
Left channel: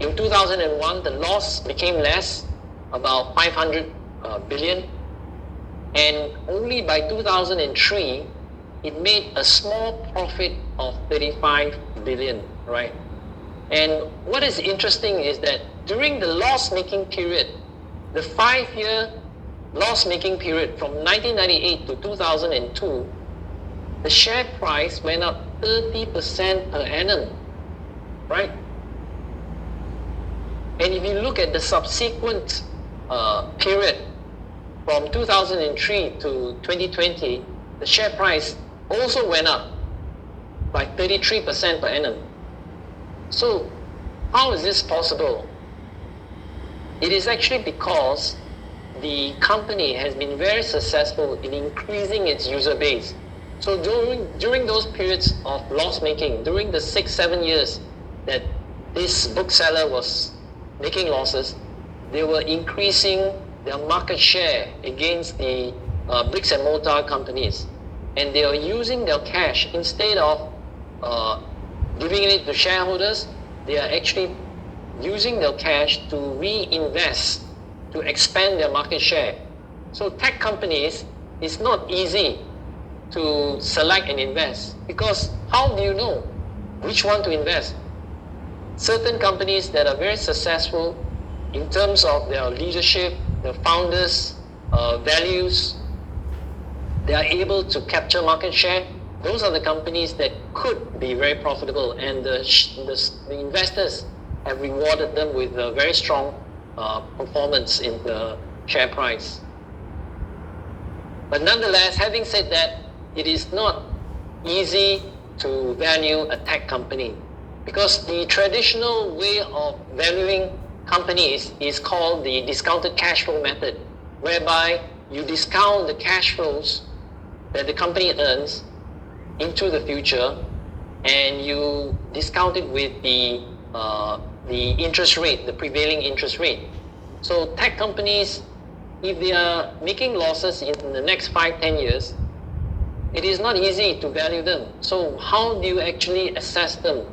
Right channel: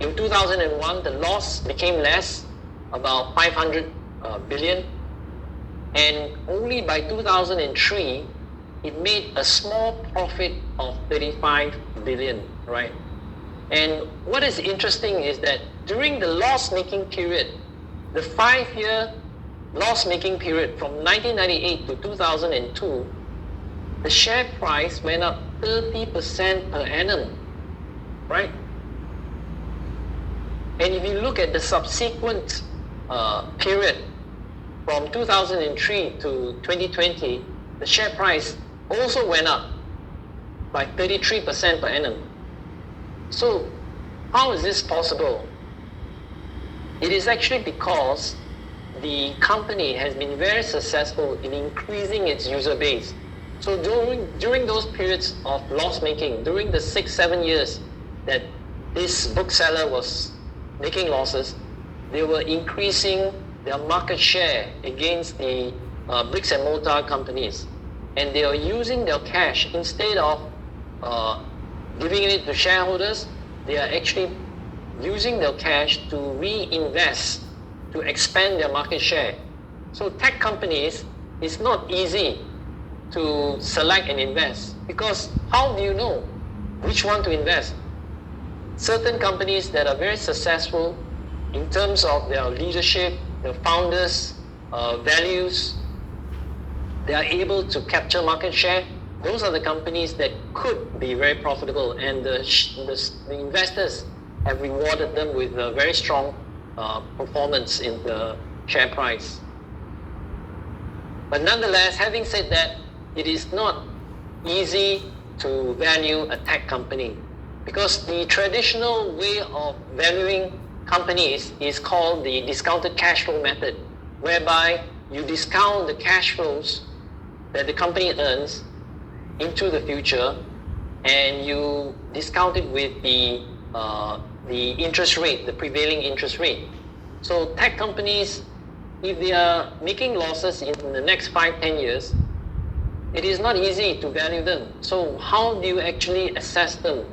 In 2001, the loss became less, about 500 billion. And only by 2003, it made a small profit of 35 billion, right? And what is interesting is that during the loss-making period, the 5-year loss-making period from 1998 to 2002, the share price went up 30% per annum, right? And if you look at the subsequent period from 2003 to 2020, the share price also went up by 33% per annum. So how is this possible? It is actually because the company has been very successful in increasing its user base. So during those periods of loss making, during the 6-7 years that this bookseller was making losses, they were increasing their market share against the bricks and mortar companies. And they are using their cash, instead of giving it to shareholders, they are actually using their cash to reinvest, to expand their market share. So tech companies, it's not easy to select and invest, because how do you know which one to invest? Certain companies that are very successful in terms of their leadership, their founders' values, they are able to capture market share. Those are the companies that could be very profitable, and the investors have rewarded them with a very strong performance in the share price. But nonetheless, having said that, it is not easy to value a tech company, because the traditional way of valuing companies is called the discounted cash flow method, whereby you discount the cash flows that the company earns into the future, and you discount it with the interest rate, the prevailing interest rate. So tech companies, if they are making losses in the next 5-10 years, it is not easy to value them. So how do you actually assess them?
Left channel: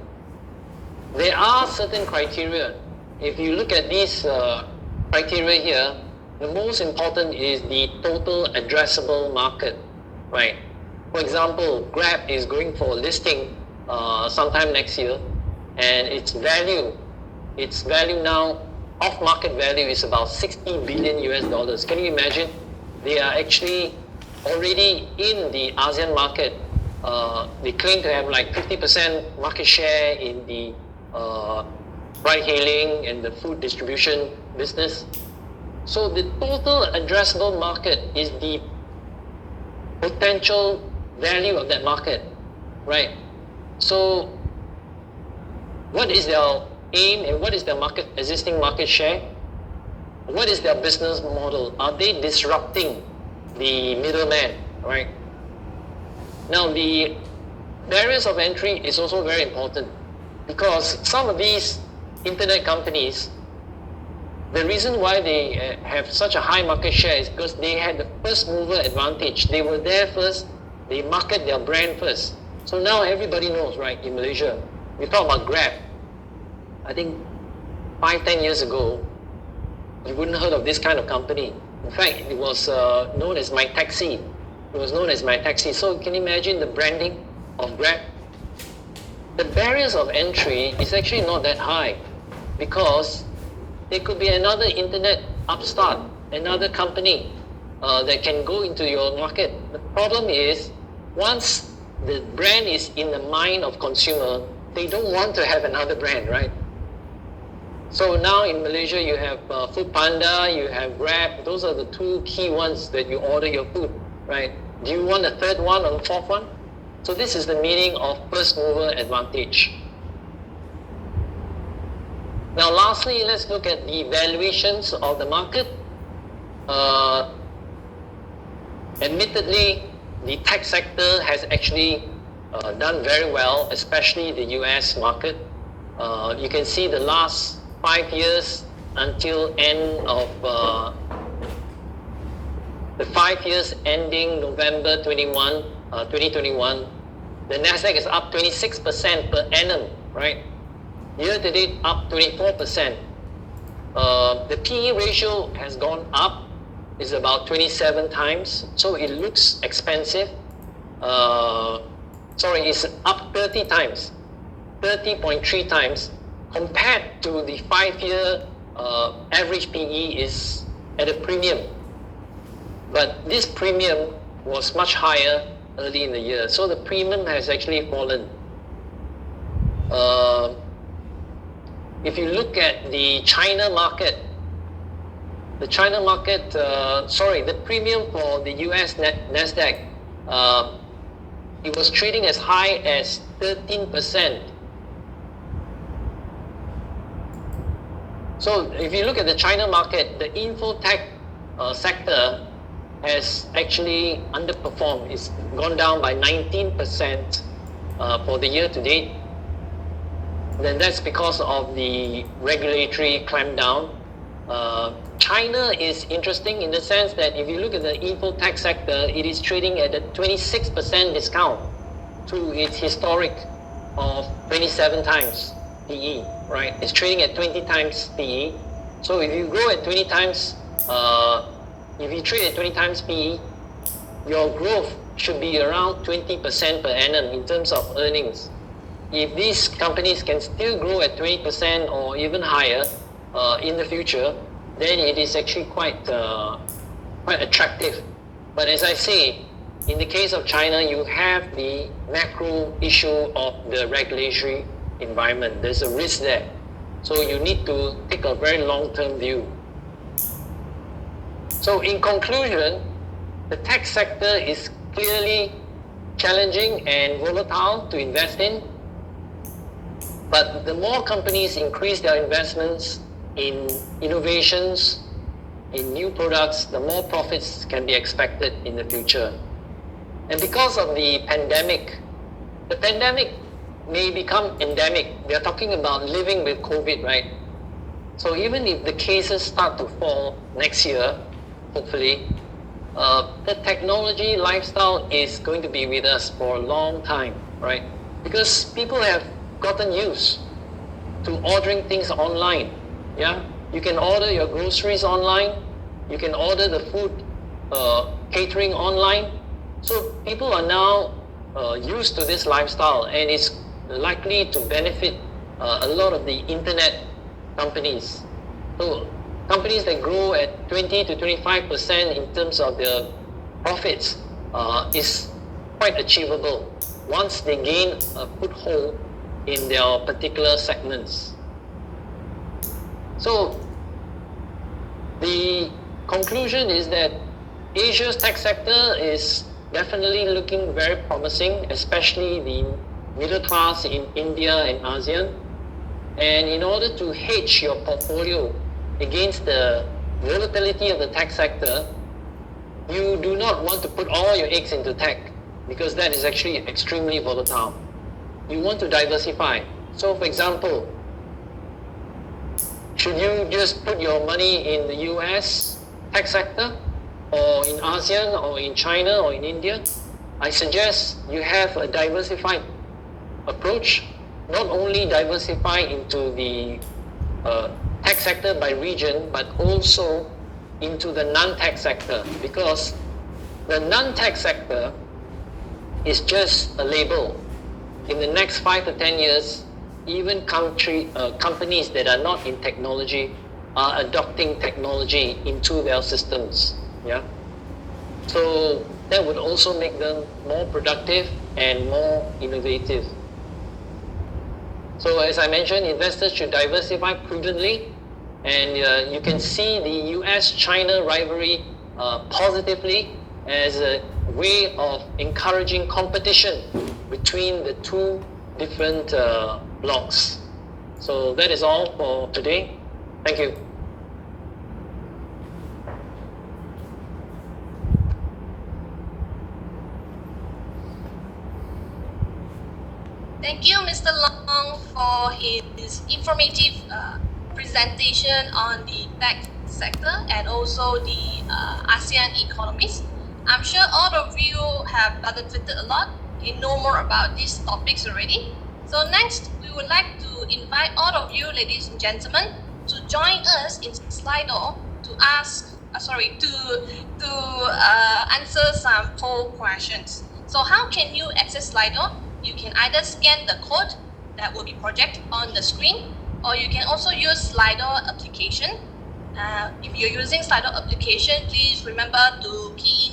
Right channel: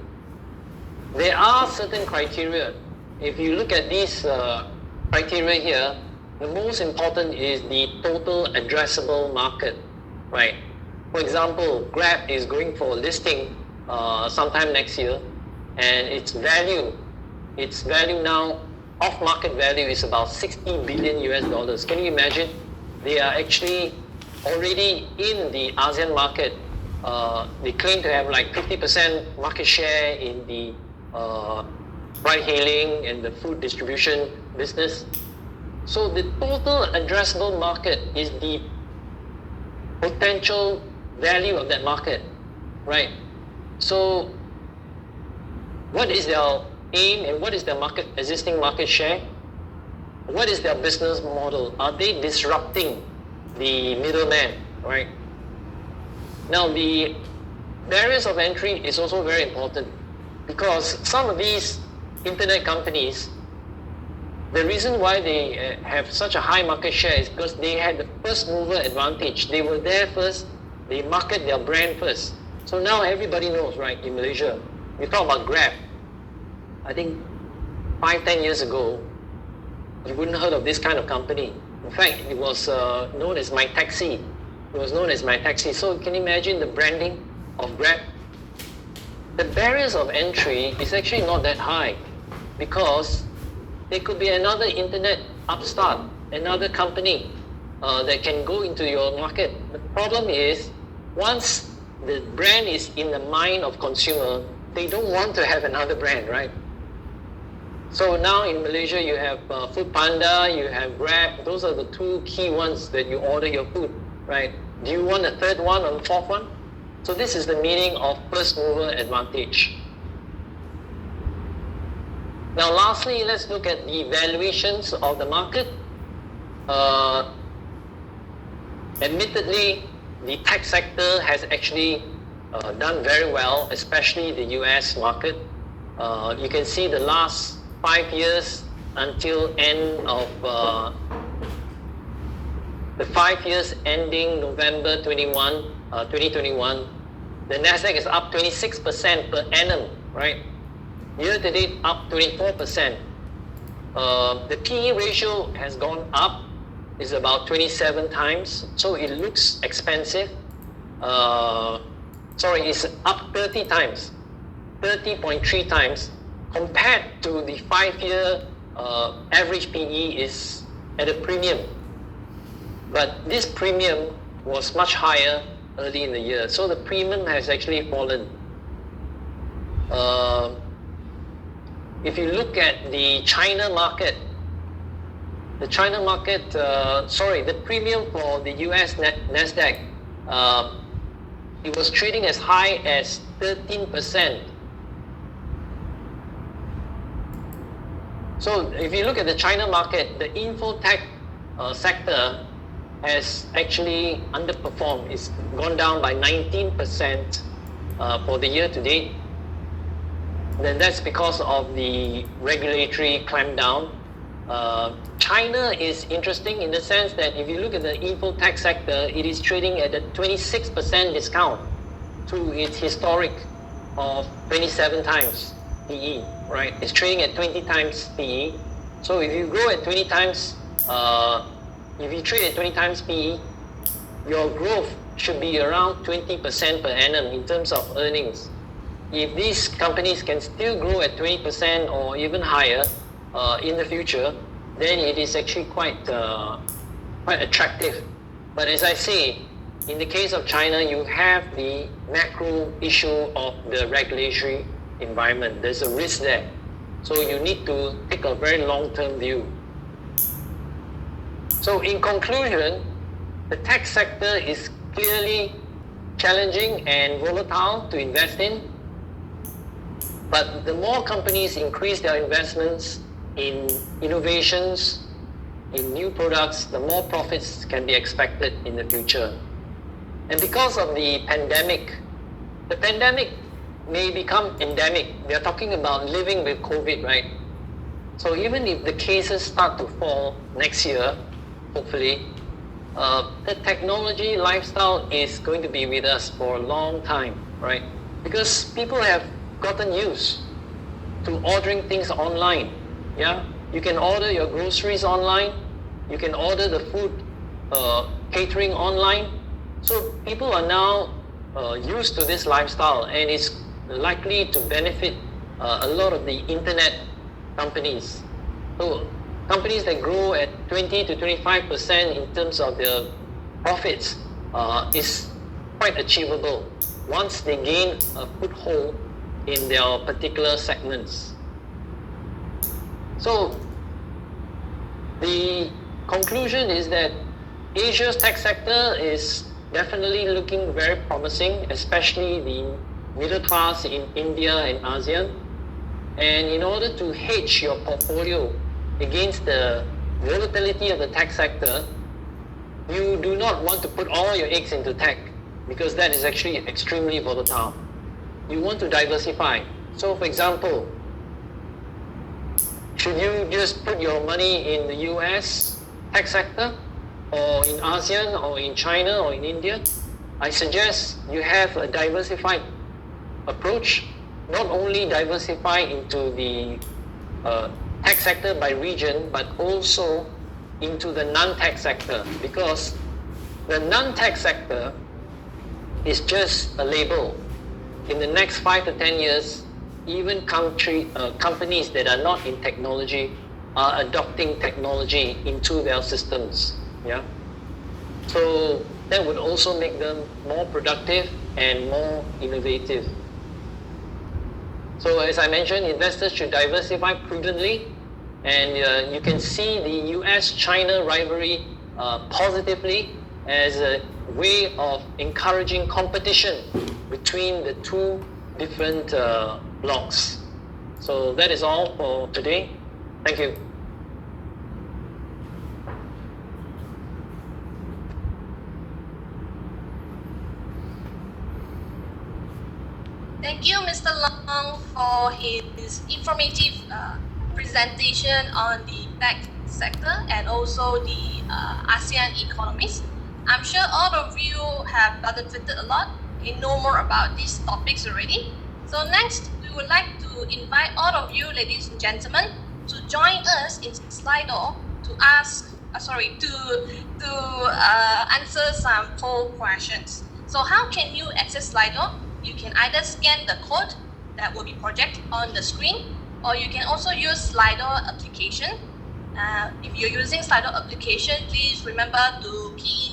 There are certain criteria. If you look at these criteria here, the most important is the total addressable market, right? For example, Grab is going for listing sometime next year, and its value now, off-market value, is about $60 billion US. Can you imagine? They are actually already in the ASEAN market. They claim to have like 50% market share in the ride-hailing and the food distribution business. So the total addressable market is the potential value of that market, right? So what is their aim, and what is their existing market share? What is their business model? Are they disrupting the middleman, right? Now, the barriers of entry is also very important, because some of these internet companies, the reason why they have such a high market share is because they had the first mover advantage. They were there first, they market their brand first. So now everybody knows, right, in Malaysia. We talk about Grab. I think 5-10 years ago, you wouldn't heard of this kind of company. In fact, it was known as My Taxi. It was known as My Taxi. So can you imagine the branding of Grab? The barriers of entry is actually not that high, because there could be another internet upstart, another company that can go into your market. The problem is, once the brand is in the mind of consumer, they don't want to have another brand, right? So now in Malaysia, you have Foodpanda, you have Grab. Those are the two key ones that you order your food, right? Do you want a third one or a fourth one? So this is the meaning of first mover advantage. Now lastly, let's look at the valuations of the market. Admittedly, the tech sector has actually done very well, especially the US market. You can see the last 5 years until end of the 5 years ending November 2021, The Nasdaq is up 26% per annum, right? Year to date, up 24%. The PE ratio has gone up, is about 27 times, so it looks expensive. It's up 30 times, 30.3 times, compared to the 5-year average PE is at a premium. But this premium was much higher early in the year, so the premium has actually fallen. If you look at the China market, the premium for the US Nasdaq, it was trading as high as 13%. So if you look at the China market, the infotech sector has actually underperformed. It's gone down by 19% for the year to date. Then that's because of the regulatory clampdown. China is interesting in the sense that if you look at the infotech sector, it is trading at a 26% discount to its historic of 27 times PE, right? It's trading at 20 times PE. So if you grow at 20 times, if you trade at 20 times PE, your growth should be around 20% per annum in terms of earnings. If these companies can still grow at 20% or even higher in the future, then it is actually quite attractive. But as I say, in the case of China, you have the macro issue of the regulatory environment. There's a risk there. So you need to take a very long-term view. So in conclusion, the tech sector is clearly challenging and volatile to invest in. But the more companies increase their investments in innovations, in new products, the more profits can be expected in the future. And because of the pandemic may become endemic. We are talking about living with COVID, right? So even if the cases start to fall next year, hopefully, the technology lifestyle is going to be with us for a long time, right? Because people have gotten used to ordering things online. Yeah, you can order your groceries online. You can order the food catering online. So people are now used to this lifestyle, and it's likely to benefit a lot of the internet companies. So companies that grow at 20 to 25% in terms of their profits is quite achievable once they gain a foothold in their particular segments. So the conclusion is that Asia's tech sector is definitely looking very promising, especially the middle class in India and ASEAN. And in order to hedge your portfolio against the volatility of the tech sector, you do not want to put all your eggs into tech, because that is actually extremely volatile. You want to diversify. So for example, should you just put your money in the US tech sector, or in ASEAN, or in China, or in India? I suggest you have a diversified approach, not only diversify into the tech sector by region, but also into the non-tech sector, because the non-tech sector is just a label. In the next 5 to 10 years, even companies that are not in technology are adopting technology into their systems. Yeah. So that would also make them more productive and more innovative. So as I mentioned, investors should diversify prudently, and you can see the US-China rivalry positively as a way of encouraging competition between the two different blocks. So that is all for today. Thank you. Thank you, Mr. Long, for his informative presentation on the tech sector and also the ASEAN economies. I'm sure all of you have benefited a lot know more about these topics already. So next, we would like to invite all of you, ladies and gentlemen, to join us in Slido to answer some poll questions. So how can you access Slido? You can either scan the code that will be projected on the screen, or you can also use Slido application. If you're using Slido application, please remember to key in